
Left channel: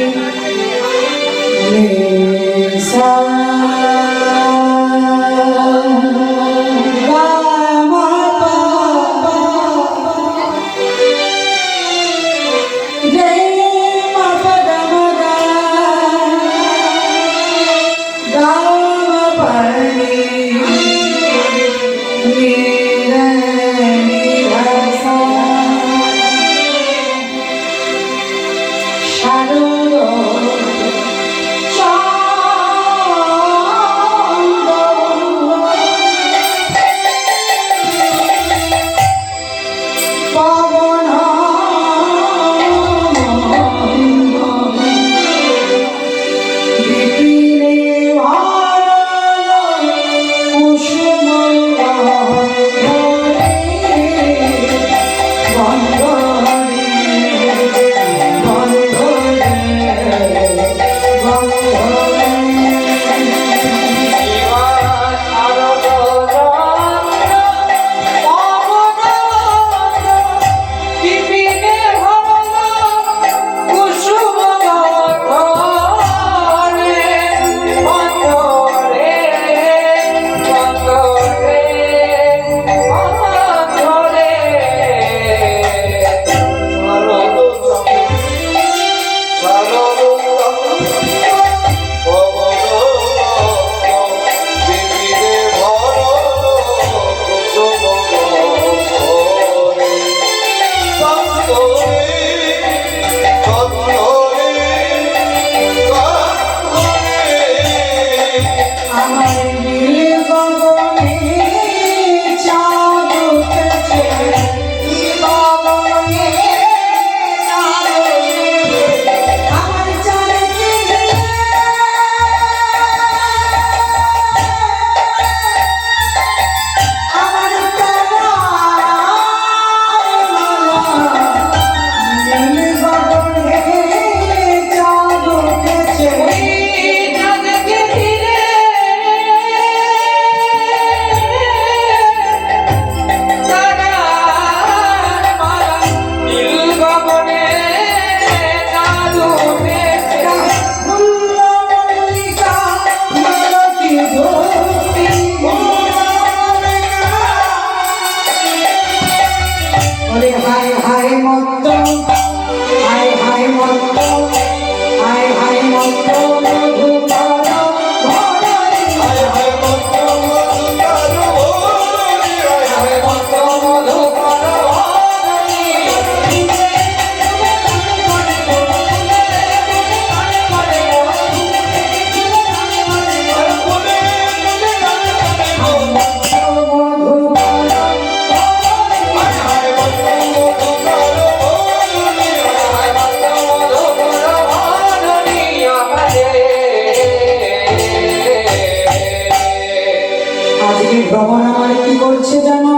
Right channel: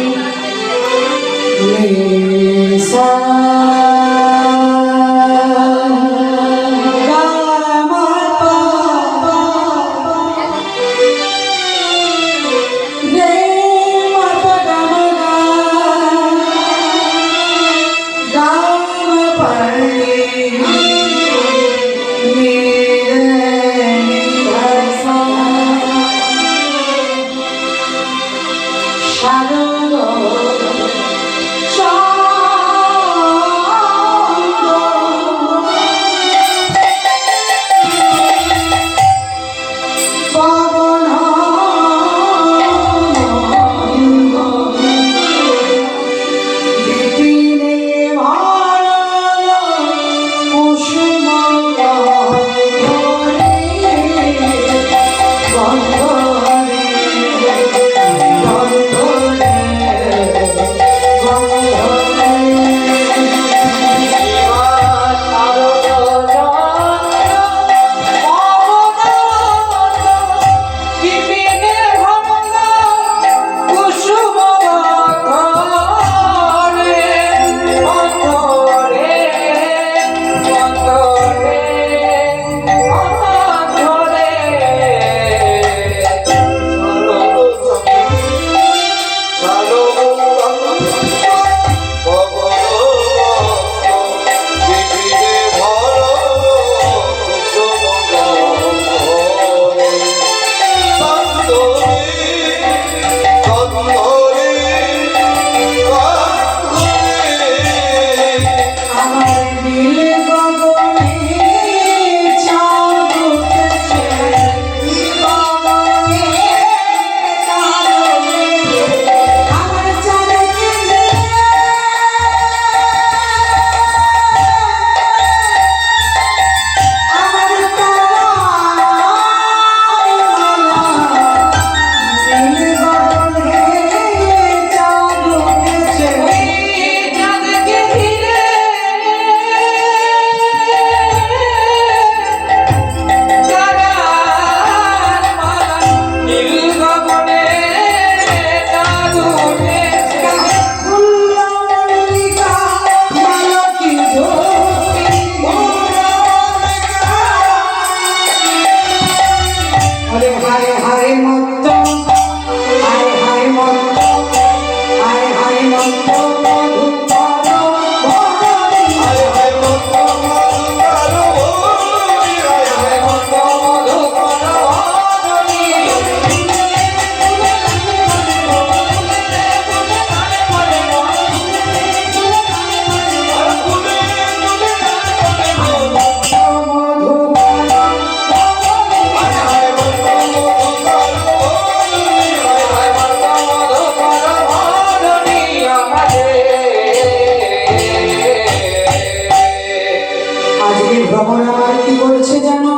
ভ্রমণ আমার কি করছে জানো?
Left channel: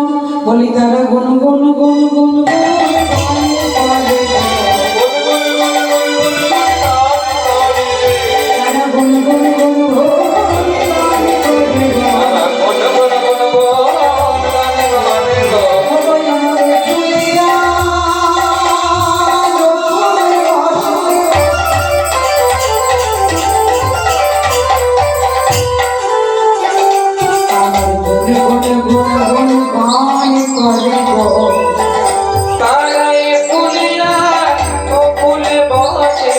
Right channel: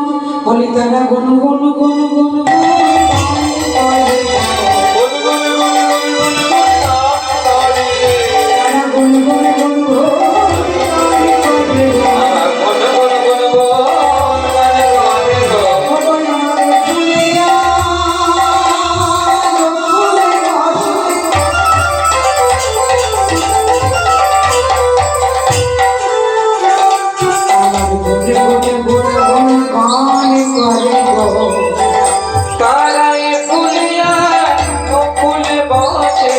বলি তারা গুন গুন গুন গুন গুন গান করে। তারা গুন গুন গুন গুন তারাই ফুলিয়া ফুল বসে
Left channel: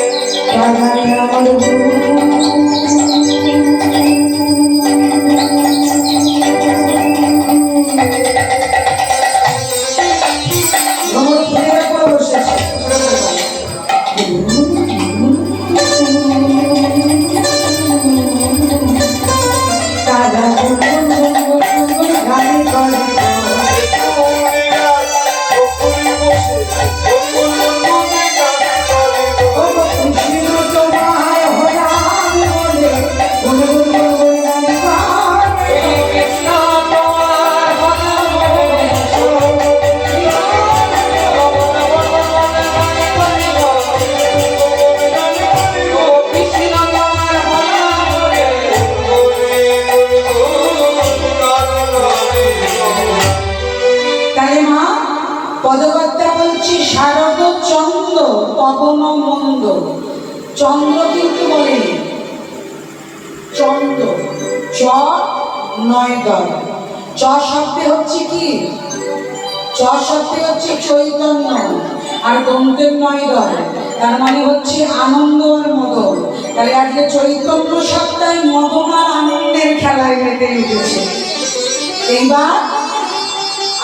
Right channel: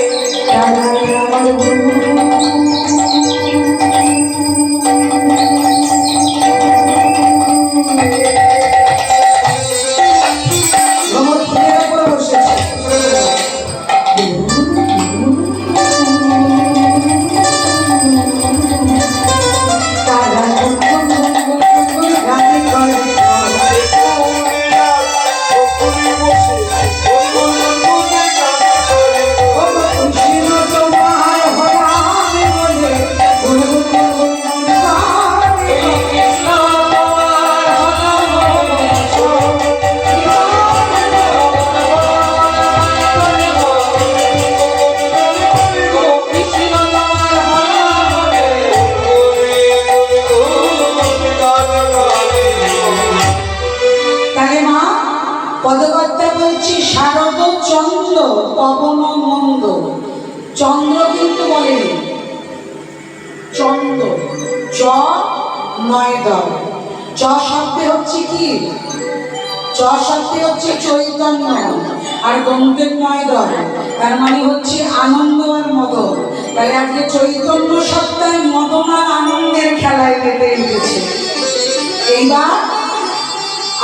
পদকর্তা বলছি শারদ চন্দ্র পবন মন্দ। চন্দ্র কিন্তু বলেনি, চন্দ্র চ নয় দল। চ শব্দে হচ্ছে কি? চ শব্দে হচ্ছে চৈতন্য, আর দন্তের নয় দল, তার মানে হচ্ছে আনন্দ আর মদন। তাহলে আজকে চৈতন্য সত্তায় মদন আর আনন্দের খেলায় মেতে উঠেছে। এইবার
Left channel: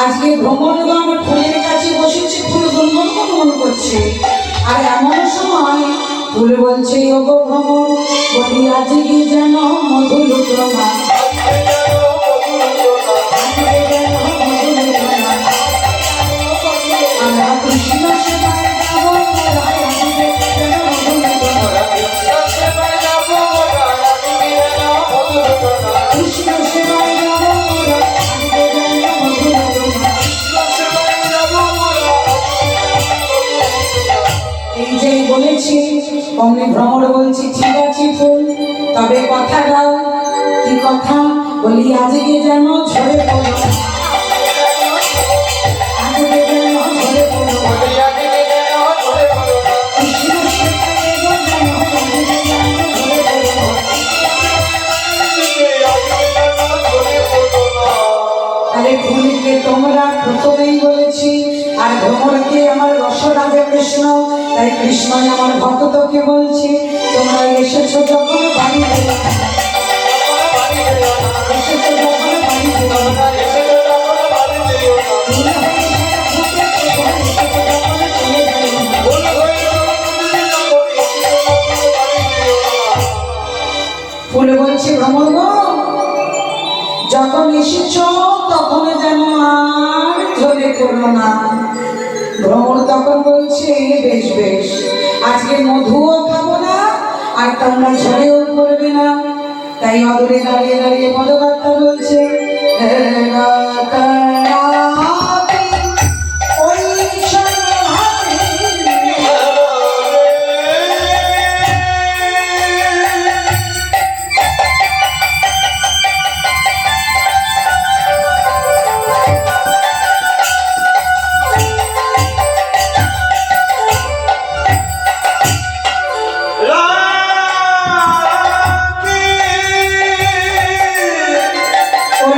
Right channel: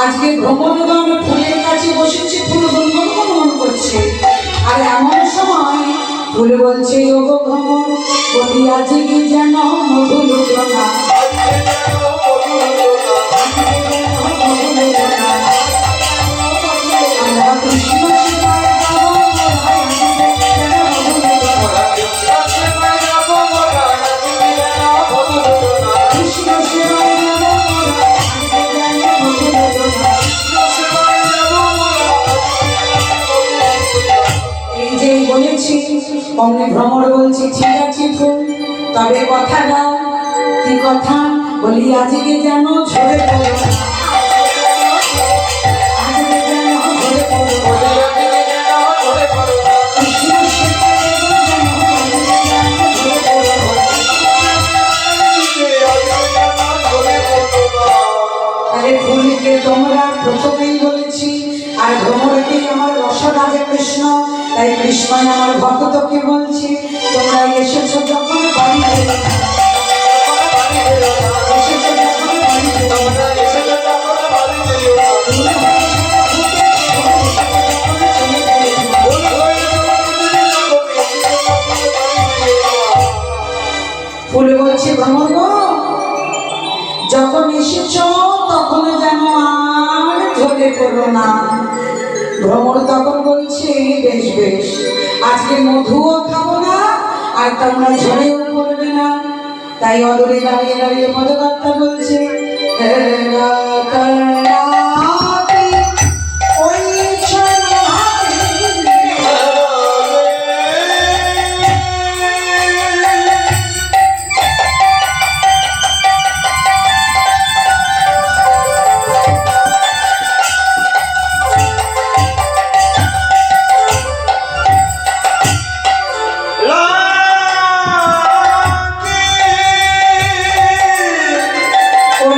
আজকে ভ্রমণগণ ফুলের কাছে বসেছে, ফুল গুনগুন করছে। আর এমন সময় ফুল বলছে ওগো ভ্রমণ, বলি আজকে যেন মধুলুটনা। আমরা কৃষ্ণ সেবায় যাবো, কৃষ্ণ সেবায় যাবো। এই যে বলেছি অমনি ভ্রমর বলছি ঠিক আছে ফুল, তবে কথা দাও। কি কথা? বলি আজকে যেন ঝরে পড়ো, আজকে যেন ঝরে পড়ো। কৃষ্ণ সেবায় যেন ঝরে পড়ো। আরে ফুলকে তোমরা প্রথমেই বলেছি, আর ভ্রমরকে আমার রসরাজা কৃষ্ণ। তাই কৃষ্ণই আমার ভক্তকে বলছি, তোমরা এসেছো যখন বাড়ি ফেরো না। এসেছো যখন বাড়ি ফেরো না। ফুল বলছে ভ্রমর গো, যখন এসেছো তখন যেন আর ঝরে পড়ো না। ভ্রমর তখন বলছে বেশ বেশ, আজকে মধুও খাবো না, আর তোমরা ঝরেও পড়বে না। তাই অদূরে দাঁড়িয়ে দাঁড়িয়ে পদকর্তা বলছে ওই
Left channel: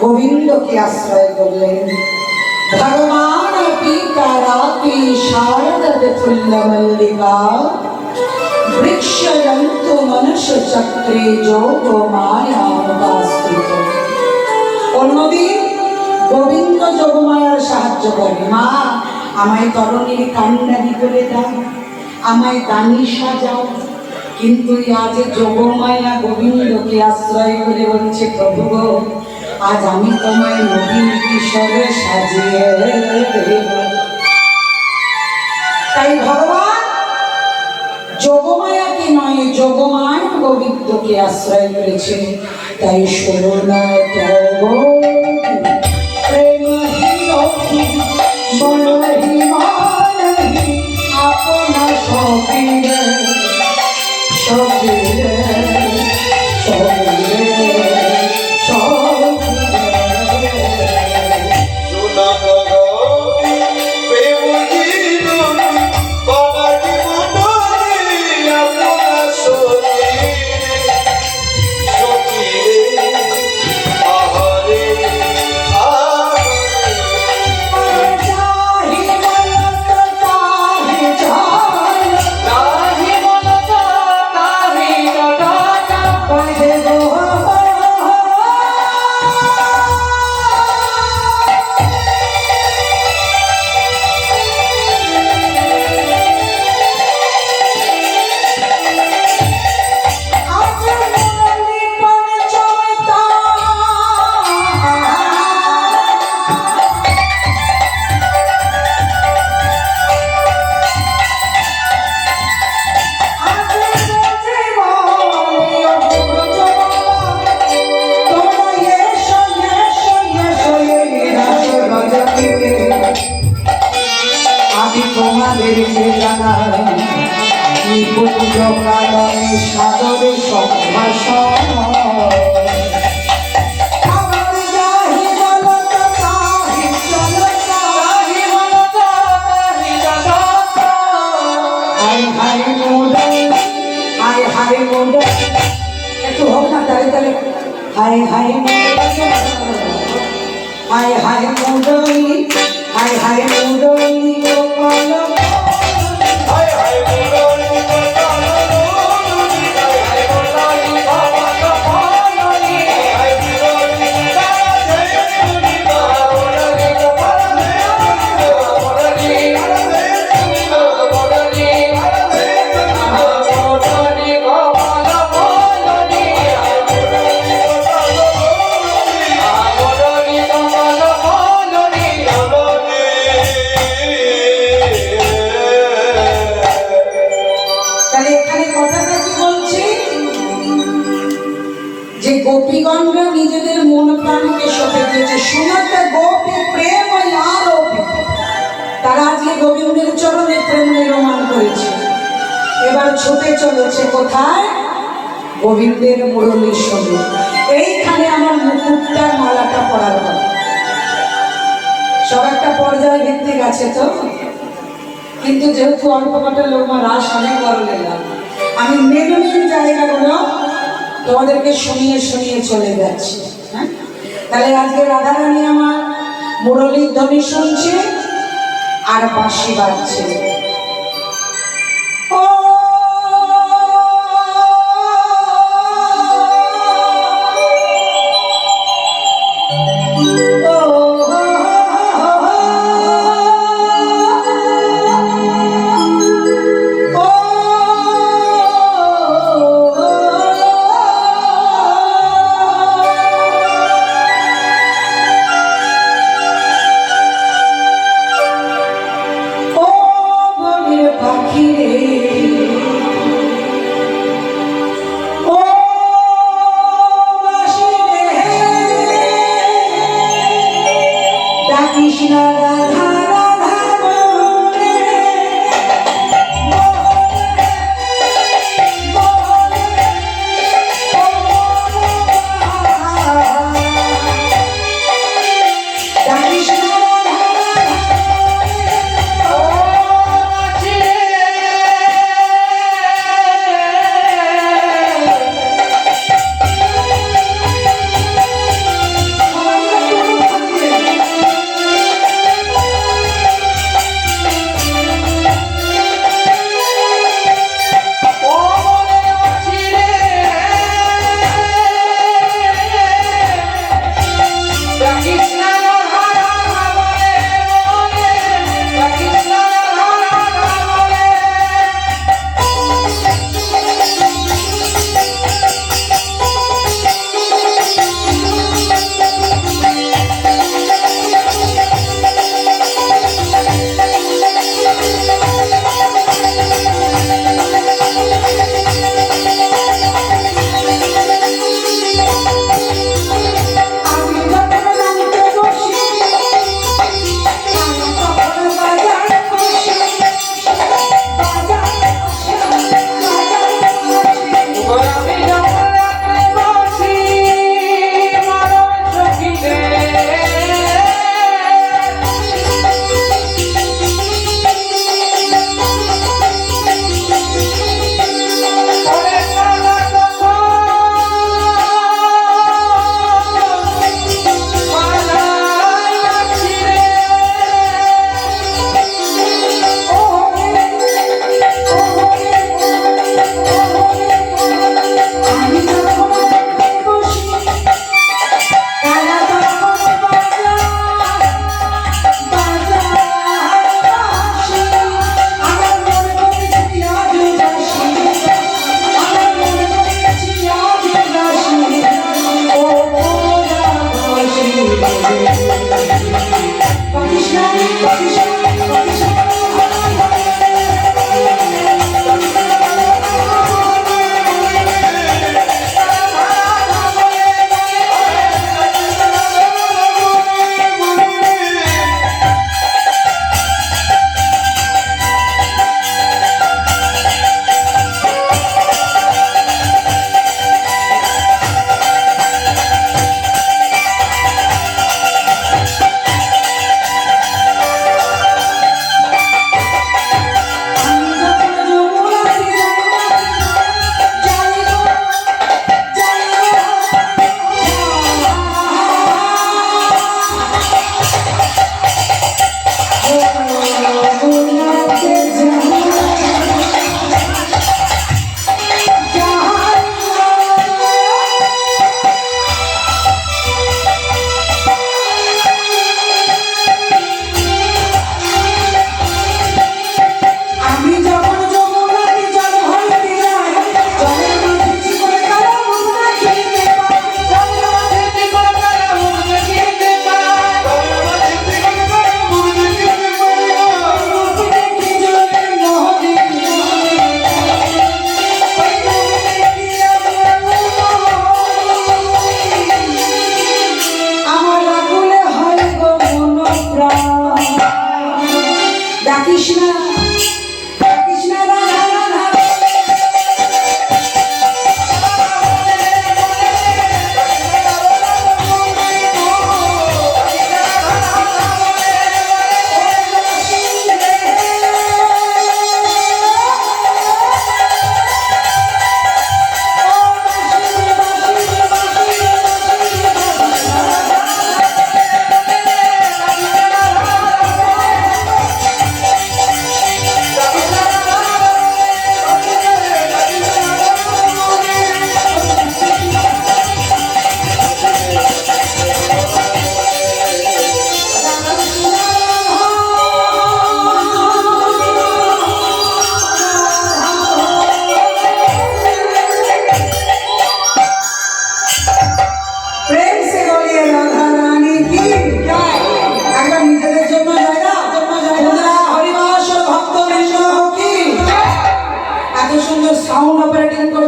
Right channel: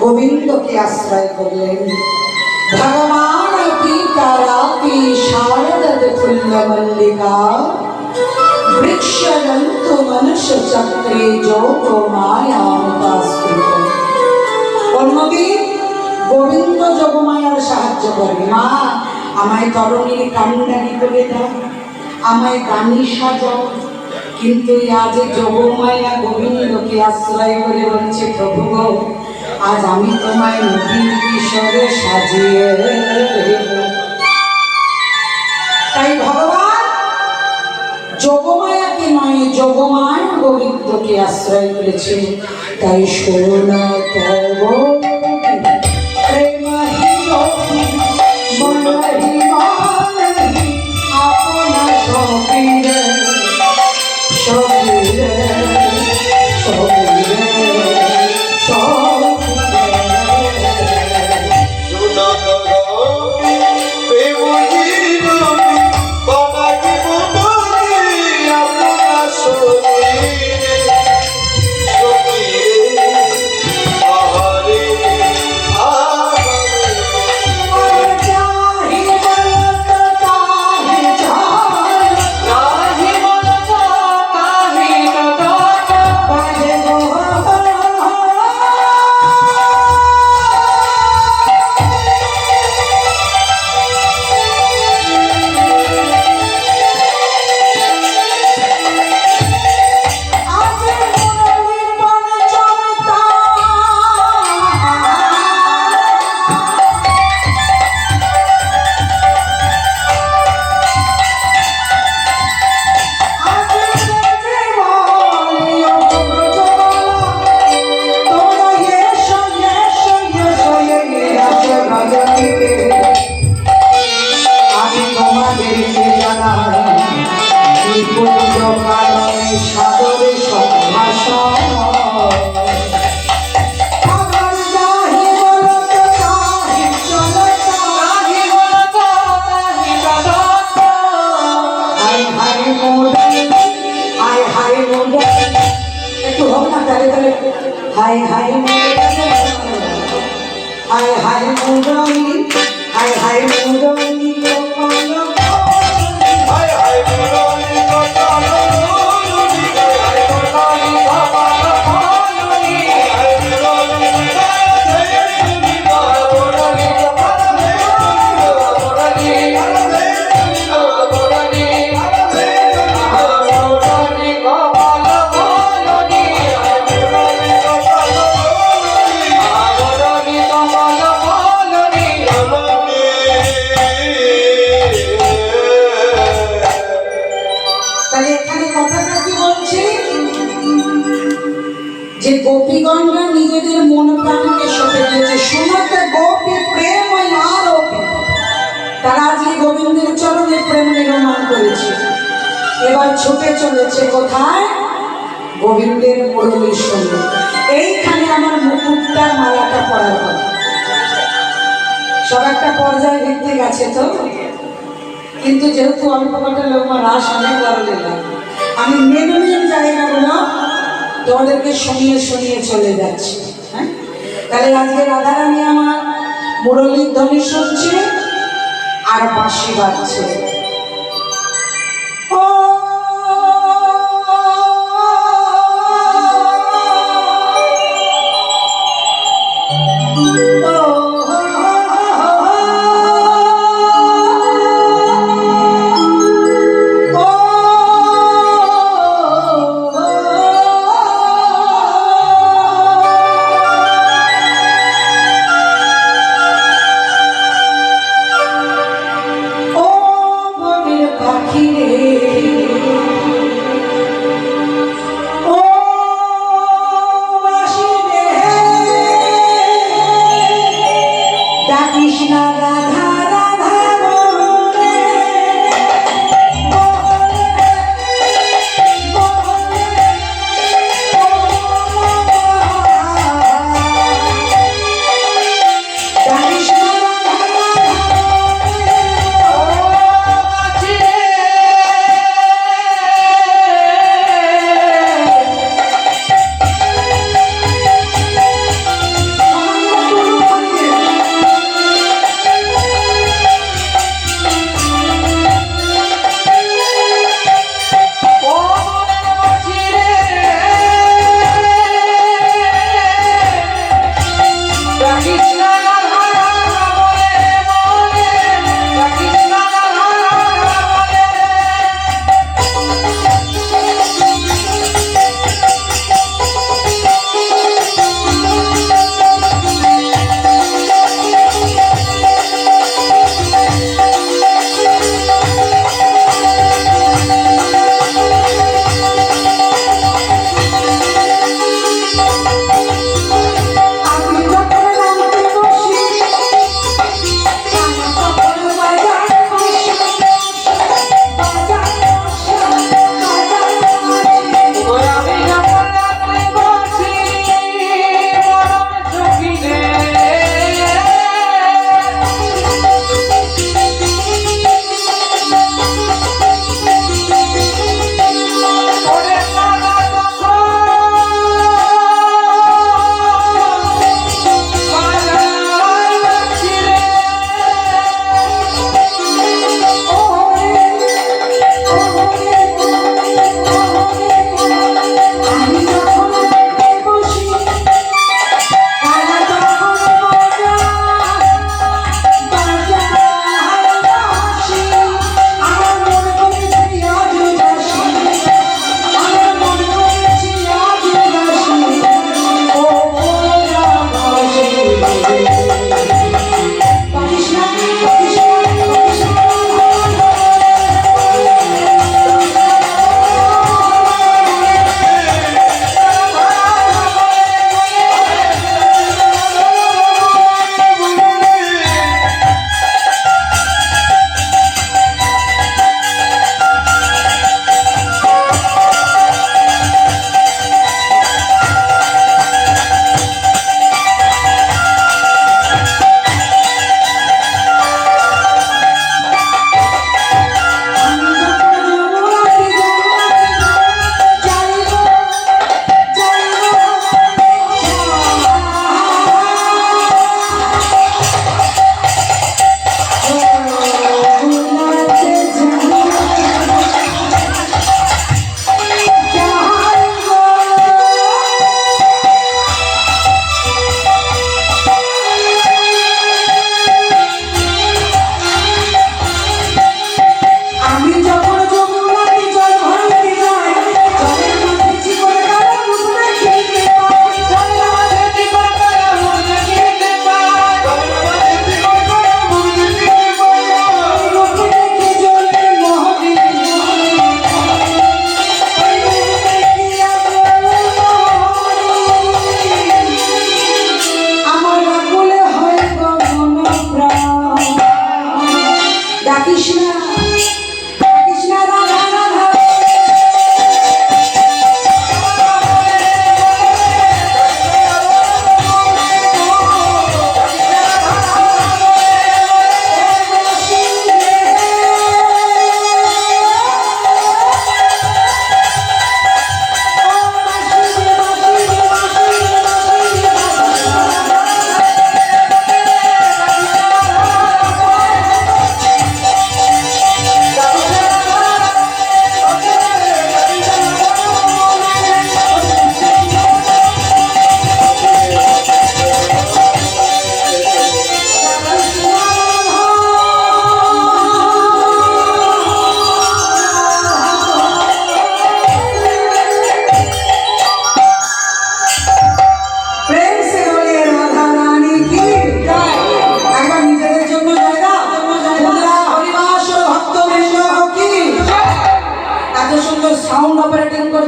গোবিন্দকে আশ্রয় করলেন। ভগবান পিতারাতি শারদত ফুল্ল মল্লিকা বৃক্ষজন্ত মনুষ্য চক্রে যোগ মায়া মুদাস্ফৃত। অন্যদিন গোবিন্দ যোগমায়ার সাহায্য করে, মা আমায় তরণীর কান্ডারি করে দাও, আমায় দানি সাজাও। কিন্তু আজ যোগমায়া গোবিন্দকে আশ্রয় করে বলছে, প্রভু গো, আজ আমি তোমায় নবীন কিশোরে সাজিয়ে দেব। তাই ভগবান যোগমায়াকে নয়, যোগমায়া গোবিন্দকে আশ্রয় করেছে। তাই শোনা তব আপনা সবিরে সবিরে সবিরে সাগরে সম্ভাষণ একটু হোক না, তালে তালে হায় হায় হায় হায় মুরলি, হায় হায় মুরলি গোপাল গোপীগণরা নিজেদের মন প্রাণকে সঁপে দিয়েছে। শুনতে গোপী প্রেম আরোপী, তারা আজকে গোবিন্দের চরণে প্রেম নির্মাণ করেছে। এবার ছুটে চলেছে কোথায়? গোবিন্দের মুরলীর সঙ্গে। এইখানে আমার মুকুটটার মালাটা পরার কথা। সব একটা পর্যায় ভিত্তিক আছে তো, কিন্তু যেহেতু অল্প কটা লোক রাস অনেক বড় নিলাম, আমি মেন মেন জায়গাগুলো তোমাদেরকে শুনিয়ে শুনিয়ে চলে যাচ্ছি। হ্যাঁ, তাহলে আজকে রাধারানী আমার মুরলীর ধ্বনি শুনছে আর বাঁশি বাজছে।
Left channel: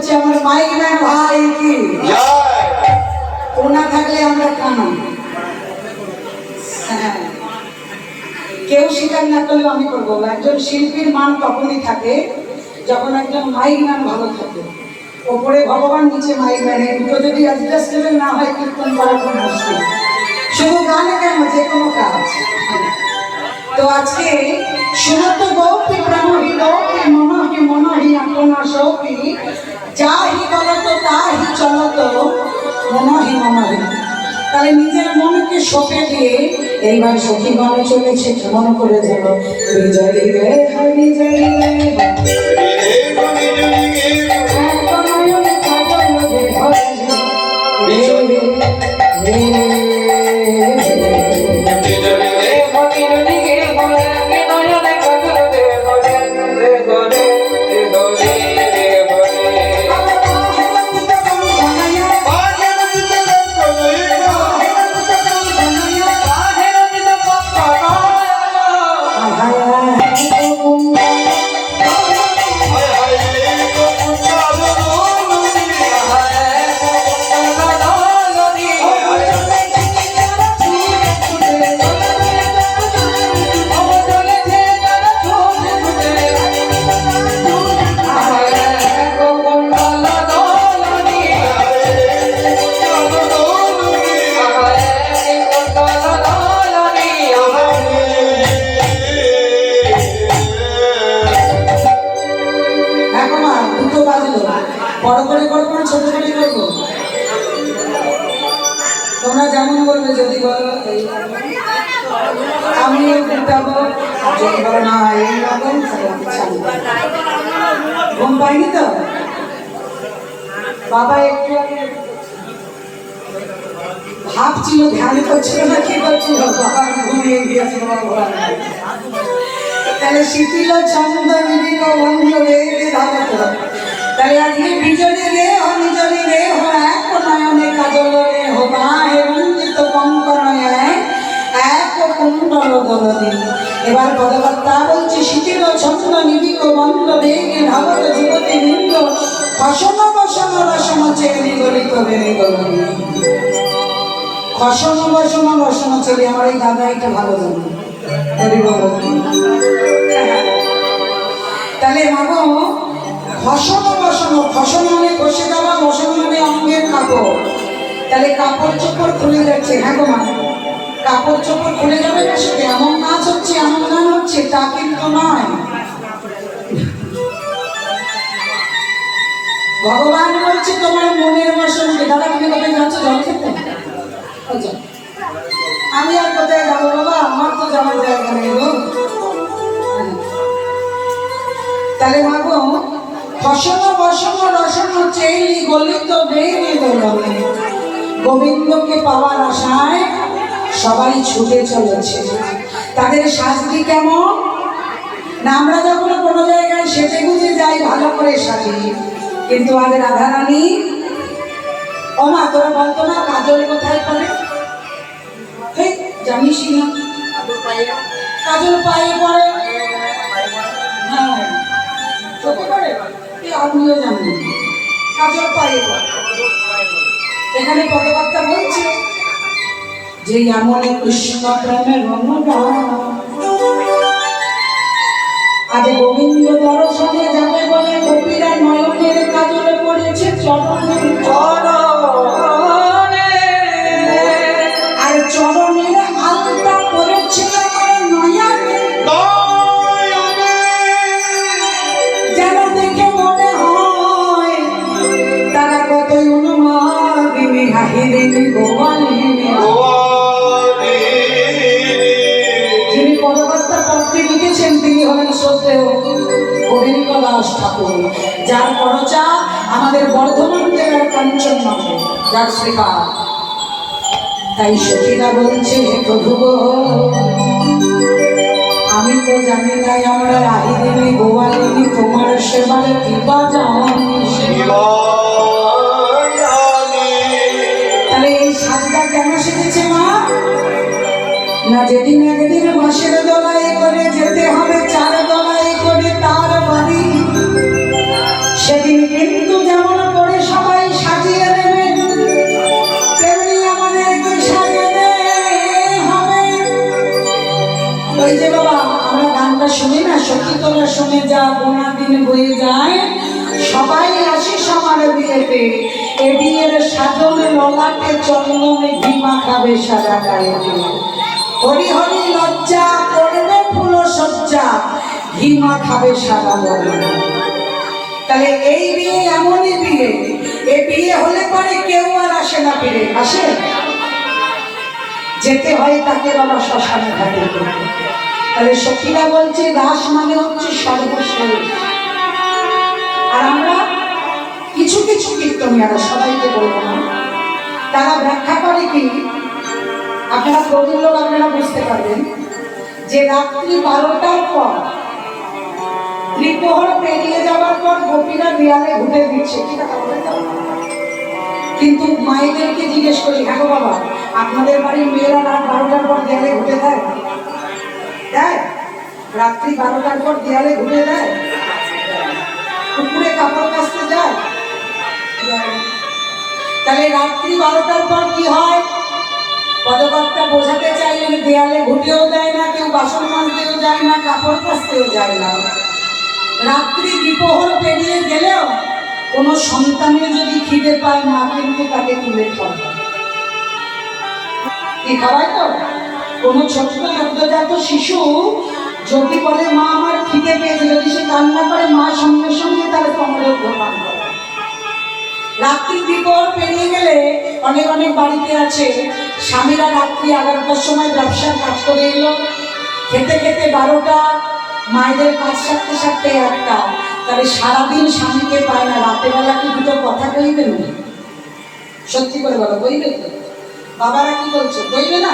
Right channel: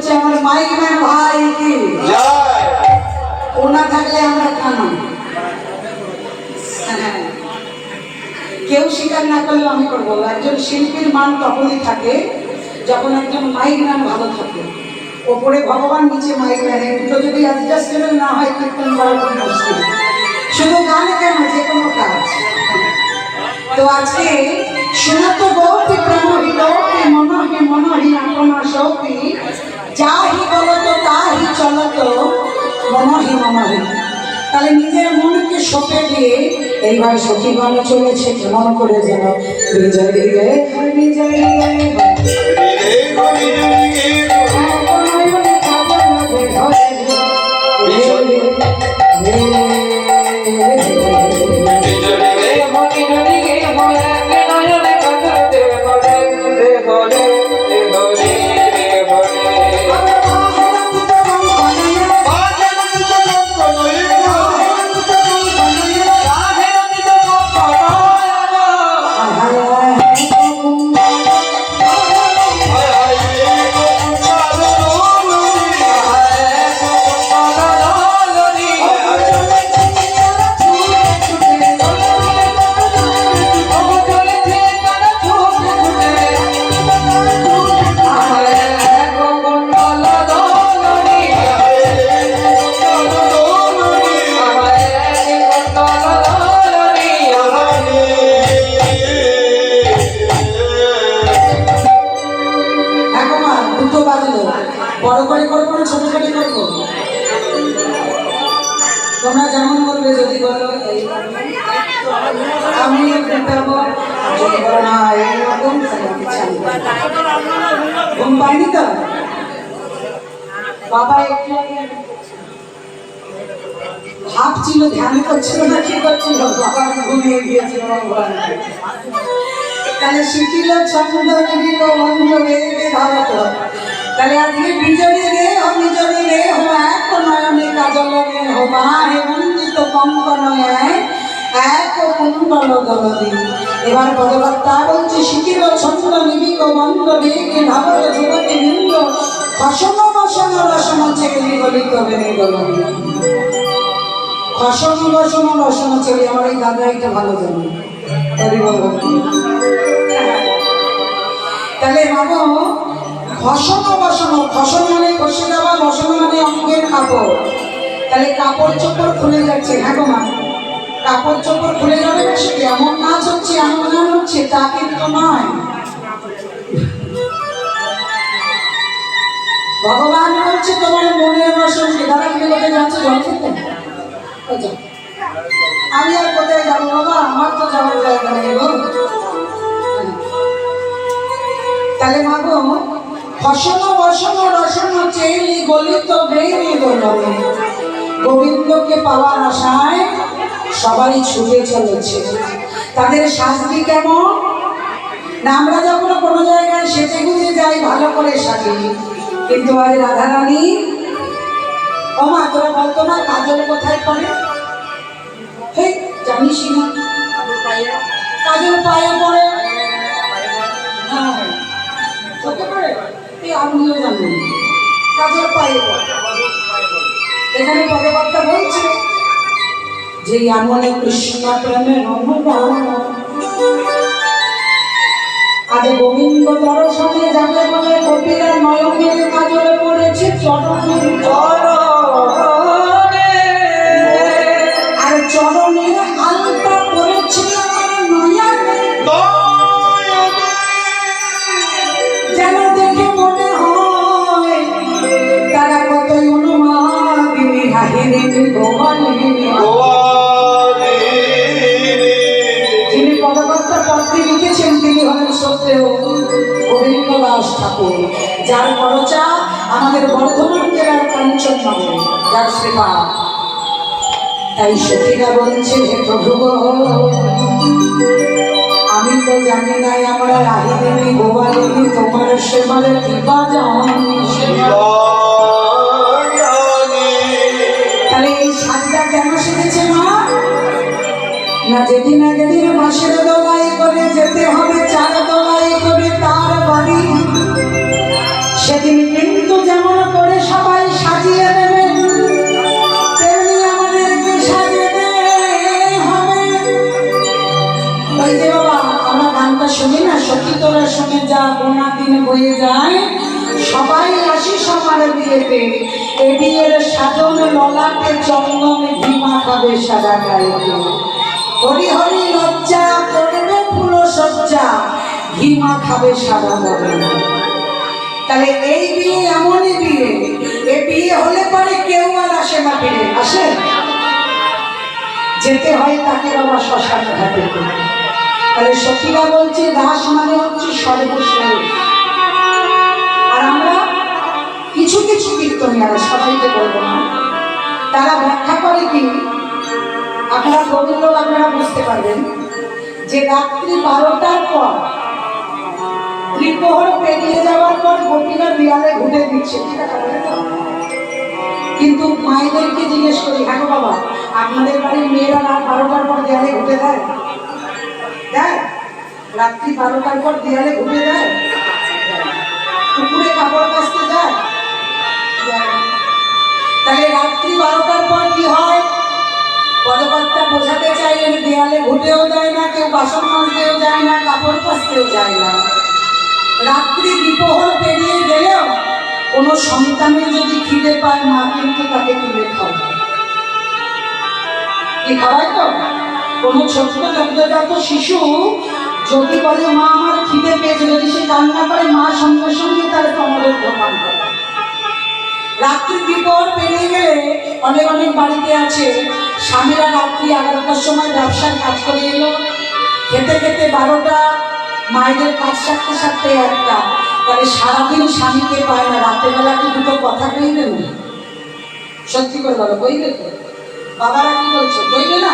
করছে আমার মাইনার ভাই কি জয় ও না থাকলে আমরা কানা। হ্যাঁ, কেউ স্বীকার না করলে আমি করবো। একজন শিল্পীর মান তখনই থাকে যখন একজন মাইক ম্যান ভালো থাকে। ওপরে ভগবান, নিচে মাইক ম্যান, এই দুটো যদি অ্যাডজাস্টেবল না হয় কীর্তন করা খুব মুশকিল। শুধু গানে কেন, যে কোনো কাজ। তো আজকে শোনাতো গৌতি প্রেমহি লোকে মনহি মনহি আপনা সৌকি যাহি বলত তাহি চলত মনহি মনহি। তাহলে নিজের মনকে সঁপে দিয়ে এইবার সখী গণ চলেছে কেমন করে যেন বিজয় রে বিজয় রে রে গরি জরি গে বড় করে করবো না ছোট করে করবো? তোমরা যেমন বলবে। যদি বলো আমি উঠাবো, আর যদি বলো না এইরকম, ঘুম পাইনি তো বাবা একটু আগে ভাবছিল, ধ্যান করছিল না কি করছিল, বাবা ঘুমিয়ে গিয়েছিল। তাহলে শিথিল ছন্দ নিবিল বন্ধ রে ভাবত। তাহলে আজকে বিজলি রে ও নিজলি রে হো এক নয়নে কাজল রে হো বাহে বঞ্চিত কঙ্কনয় এক কুণ্ডল দলদি। এবার পদকর্তা বলছে শিথিল ছন্দ নিবিল বন্ধ রে ভাবত যুবতী বৃন্দ খসন বসন রসন চেলি গলিত বেড়ে গলি। খসন বসন রসন চেলি আমার এই দাদা এটা ভালো জানে। তাহলে মাগো খসন বসন, খসন মানে খসে যাওয়া, বসন মানে অঙ্গের কাপড়। তাহলে কাপড় চোপড় খুলে যাচ্ছে। হ্যাঁ গো মা, কাপড় চোপড় খুলে যাবে না, সেটা এমন নাচ হচ্ছে এমন গান হচ্ছে তা কিন্তু নয়। ভগবান বলছে তোমার মনের বাসনকে। দাদা তুমি কোথায় যাচ্ছ? জল খেতে? আমি আর কোথায় যাবো বাবা, আমার তো যাওয়ার জায়গা নেই গো। তাহলে মাগো ফসল বসন রসন চেলি গলিত বেরি দোলনে। গোবিন্দকে পাওয়ার আশায় সবাই ছুটে চলেছে। তাদের শাস্তি কেমন না, আমরা যখন কোনো জায়গায় সেজে গুজে যাই ভালো করে সাজি, কিন্তু আজ রাধারানী ও মা তোরা বলতো না কাজল কোথায় পড়ে? জানিস না কাজল পায়ে পড়ে। হ্যাঁ চোখে পড়ে, আমিও জানি কাজল পায়ে পড়ে। এখানে পদকর্তা বলছে যে এমন কৃষ্ণ প্রেমের অনুরাগ আজ গোবিন্দ দর্শনে যাবে বলে গোপীরা নয়নের কাজলে পড়েছে চরণের আর চরণের আলতা পড়েছে আমার নয়নে। যেন দেখে মনে হয় তারা কতই অনুমাদিনী হাহিনী গোয়ালিনী। যিনি পদকর্তা পদটি লিখেছেন তিনি হলেন শ্রদ্ধেয় গোবিন্দ দাস ঠাকুর, যার পরচা আমাদের বর্ধমান জেলার কাঞ্চননগরে, যার শ্রীপা। তাই সখীরা বলছে হে প্রভু গো, আমি তো জানি নাই আমার আহিনী গোয়ালিনী তোমার সেবার কৃপা জানি। তাহলে এই সাজটা কেন শিখেছে মা না, যেদিন একদিন বাঁশের দোলাই করে যেতে হবে 4 দোলাই করে তার বাড়ি, সেদিন কিন্তু যেমন তোরা শুনে যা, গোনা দিন বয়ে যায়, সবাই আসিস আমার বিয়েতে। এ বিয়ের সাধন ললাটে চন্দনে ঘি মাখাবে সারা গায়েতে। হরি হরি লজ্জা করবে ফুল সজ্জা, ঘি মাখাবে সারা বলে। তাহলে এই বিয়ে এমনই বিয়ে, এ বিয়ে হলে পরে কেউ আর আসে না ফিরে। আসে? যেতে হয় তাকে বাবা শ্মশান ঘাটে। তাহলে সখীরা বলছে দাস মানে হচ্ছে সর্বশেষ। আর আমরা কিছু কিছু কীর্তনিয়ারা, সবাইকে বলবো না, তারা ব্যাখ্যা করে কি, আপনারা প্রবীণ লোক আপনারা বুঝতে পারবেন, যে রাত্রি 12টার পর ত্রিপ্রহর পেরিয়ে যাওয়ার পর গোপীরা বিড়ালে ঘুরে দিচ্ছে, ঠিক আছে? কিন্তু মায়েদেরকে জিজ্ঞেস করি, হ্যাঁ বাবা, আপনাদের বাড়ির মেয়েরা রাত 12টার পর দেয়ালে ঘুরে দেয়? দেয়? রাত্রি 12টার পর দেয়ালে ঘুরে দেয়? পুকুরে কাপড় কাচতে যায়? তাহলে রাত্রি 12টার পর কি হয়? পদকর্তা বোঝাতে চাইলেন দেয়ালে ঘুটেও যায় না, কেউ বাসন মাজতেও যায় না, কাপড় কাচতেও যায় না। রাত্রি দ্বিপ্রহর পেরিয়ে গেলেও কোনো সন্তানের যদি খিদে পায়, মা কিন্তু তাকে তুলে খাওয়ায়। কি খাওয়ায়? তো কোনো ছোট্ট সদ্যজাত শিশু যদি বলে মা আমার খিদে পেয়েছে, যদি সে কান্না করে, মা সঙ্গে সঙ্গে তার কমলের দোকান করে। রাত্রি দ্বিপ্রহর পেরিয়ে গেলে অনেক অনেক বাড়িতে আছে, স্বামীরা রাত্রি 11টার সময় ব্যবসার কাজ করে এলো, খেতে খেতে 12টা, মায়েদের কাজ সারতে সারতে 1টা। তাহলে সারাদিন স্বামীকে পায় না, রাতের বেলা কি দুটো কথা কইবে না? সত্যি করে বলো, কইবে তো? বাবারা কি বলছো, কইবে না?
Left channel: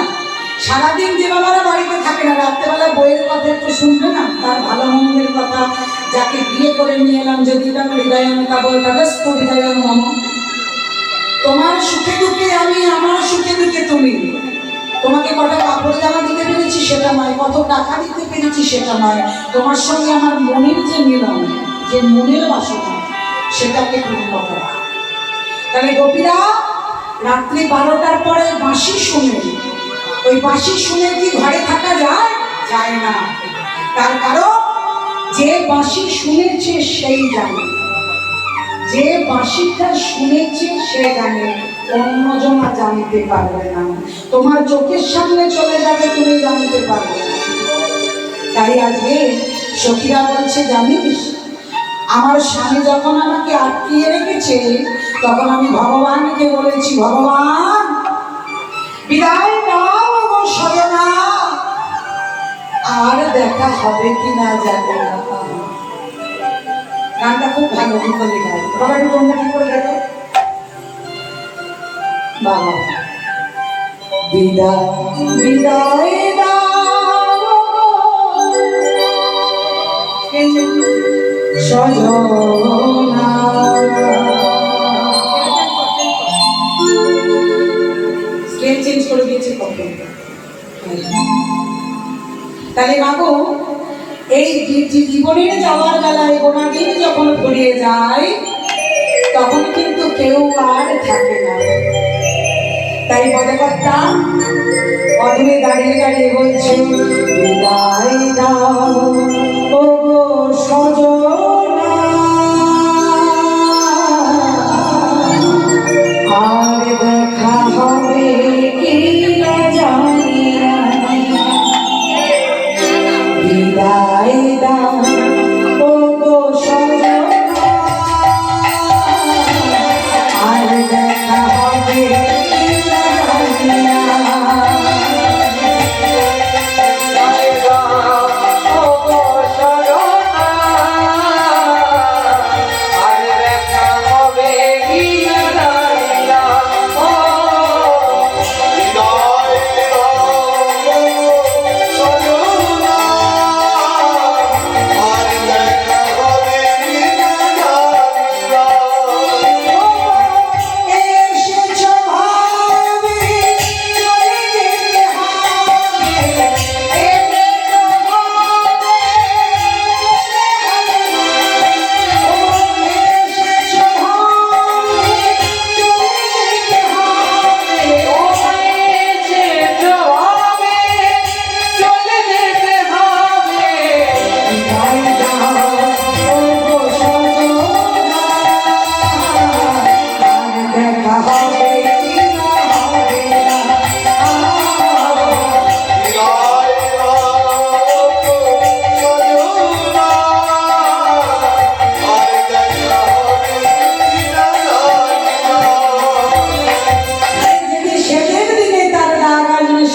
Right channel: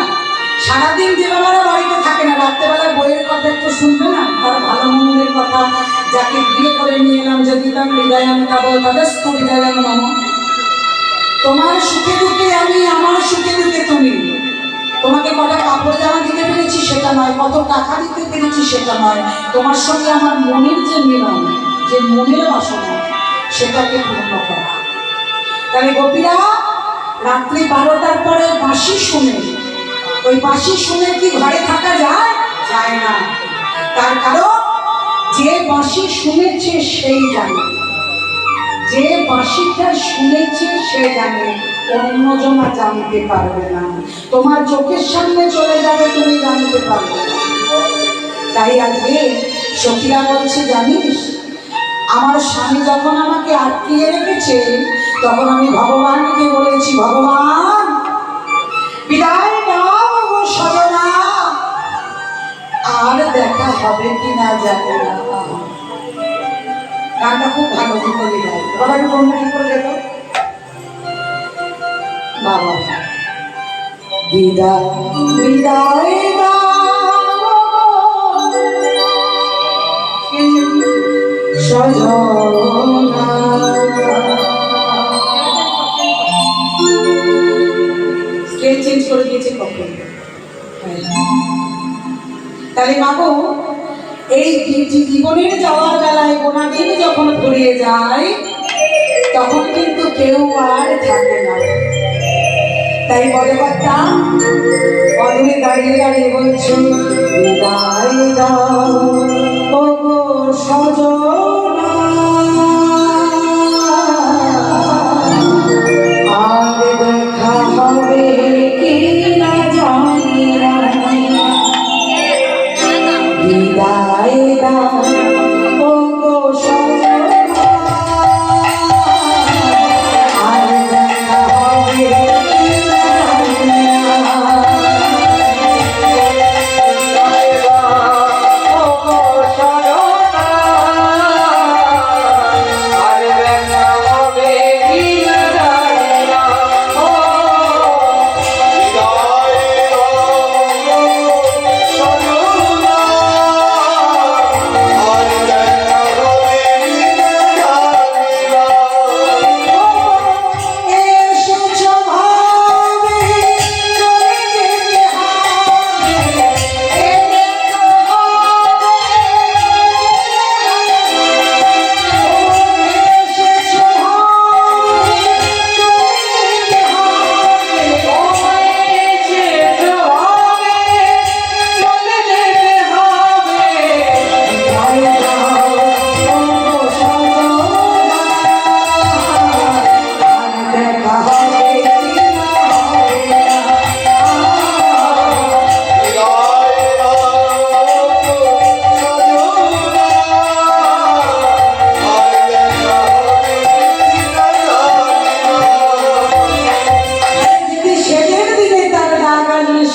সারাদিন যে বাবারা বাড়িতে থাকে না, রাত্রেবেলা বইয়ের কথা একটু শুনবে না? তার ভালো মন্দের কথা, যাকে বিয়ে করে নিয়ে এলাম, যদি তার হৃদয়ান তাবো তাদেস্ত হৃদয়ান মম, তোমার সুখে দুঃখে আমি, আমার সুখে দুঃখে তুমি। তোমাকে কটা কাপড় জামা দিতে পেরেছি সেটা নয়, কত টাকা দিতে পেরেছি সেটা নয়, তোমার সঙ্গে আমার মনের যে মিলন, যে মনের বাসনা, সেটাকে পূর্ণ করা। তাহলে গোপীরা রাত্রি 12টার পরে বাঁশি শুনে, ওই বাঁশি শুনে কি ঘরে থাকা যায়? যায় না। তার কারণ যে বাঁশি শুনেছে সেই জানে, যে বাঁশিটা শুনেছে সে জানে, অন্যজন জানতে পারবে না। তোমার চোখের সামনে চলে যাবে, তুমি জানতে পারবে না। তাই আজকে সখীরা বলছে, জানিস আমার স্বামী যখন আমাকে আটকিয়ে রেখেছে, তখন আমি ভগবানকে বলেছি, ভগবান বিদায় দাও গো সজনা, আর দেখা হবে কিনা জানি না। গানটা খুব ভালো বিপদী গায়, বাবা একটু তোমরা কি করে দেখো বাবা। বিদায় বিদায় সজনা, স্কেল চেঞ্জ করে দিয়েছে কখন। তাহলে মাগো, এই জীবনের যাওয়ার বেলায় গোনা দিন যখন ফুরিয়ে যায়, তখন কিন্তু কেউ আর থাকে না। তাই পদকর্তা পদমে দাঁড়িয়ে দাঁড়িয়ে বলছে, বিদায় দাও ও গো সজনা, আর দেখা হবে কি না জানি না। বিদায় দাও ও গো সজনা, আর দেখা হবে কি না জানি না। ও গো সজনা,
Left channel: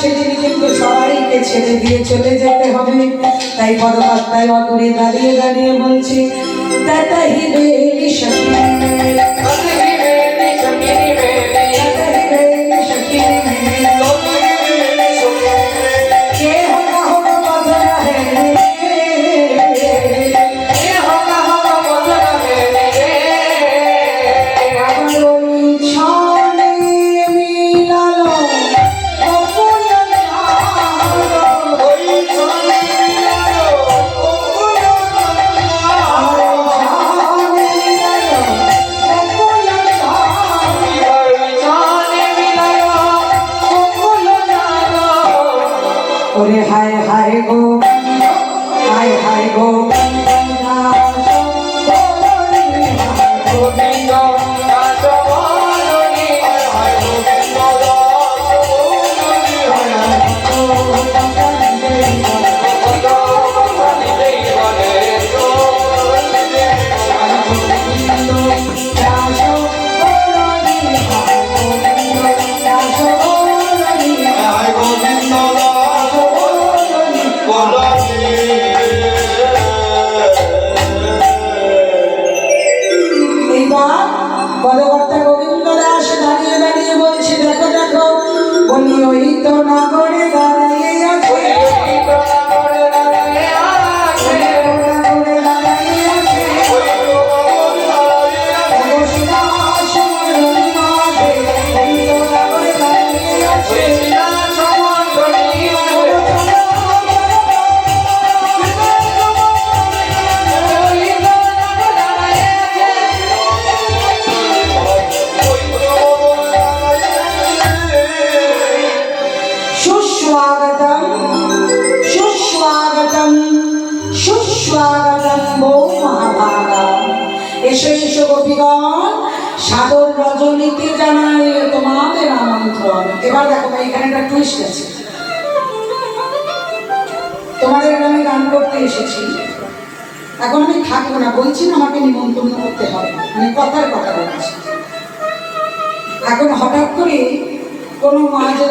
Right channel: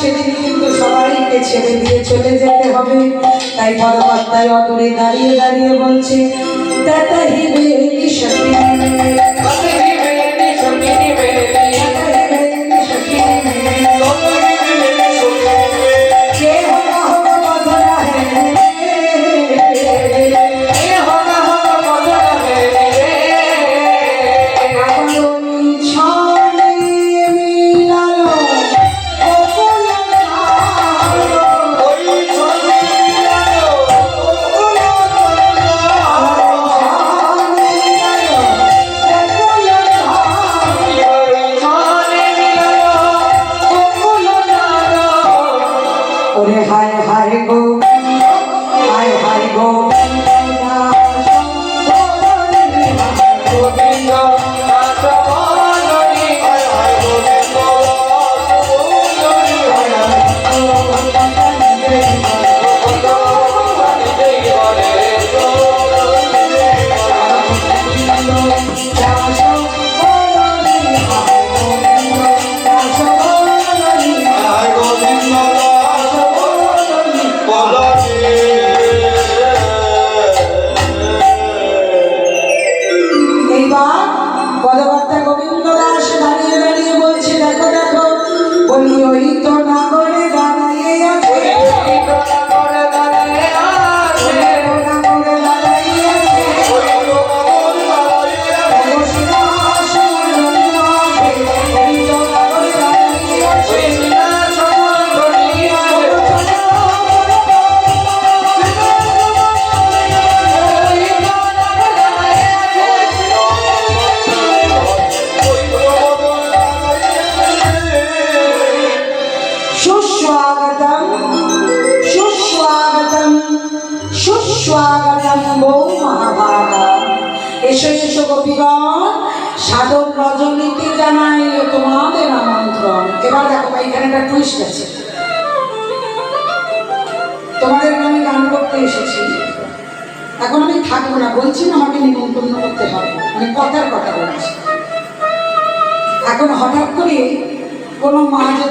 সেদিনই কিন্তু সবাইকে ছেড়ে দিয়ে চলে যেতে হবে। তাই পদকর্তায় অদূরে দাঁড়িয়ে দাঁড়িয়ে বলছে তাতাহি বেলি সখী মেলি, কতহি বেলি সখিনী বেলি, তাতাহি বেলি সখী মেলি, সখী কে হোগা হোগা মধুর হে এ হোগা হোগা মধুর বেলি রে। ছনে মিলালো অকুল ওই ছনে মিলালো অকুল ছনে মিলালো অকুল নাদ। ওরে হায় হায় গো, হায় হায় গো, গোবিন্দ দাস বলনি, হায় হায় গোবিন্দ দাস বলনি, হায় হায় কত ভগবান দেই বলে হায় গোবিন্দ দাস বলনি। এইবার পদকর্তা গোবিন্দ দাস দাঁড়িয়ে দাঁড়িয়ে বলছে দেখো দেখো, বলি ওই তো নাগরে দাঁড়িয়ে আছে, করে দাঁড়ায় আছে, নাগরে দাঁড়িয়ে আছে, ওই তো বাবুর দাঁড়াইয়ে আছে, অবস্থা সমরণী আছে, ওই তো নাগরে দাঁড়িয়ে আছে। কৃষ্ণা সমন্ধনী আছে, ওই তো দাঁড়ায় আছে। ওই তো বাবুর দাঁড়াইয়ে আছে। সুস্বাগতম সুস্বাগতম সুস্বাগতম বৌ মহাভাগা, এসো এসো গোপীগণ, সাদর রজনীতি জানাইলে তোমাদের আমন্ত্রণ। এবার দেখো ভাই, এখানে একটা টুইস্ট আছে। তোমাদের আমি গান করতে এসেছি, এখন আমি থাকবো না, বলছি না আমাকে নিমন্ত্রণ করতে হবে, মানে কথার কথা বলছি। এখন হঠাৎ করে কোনো মা যদি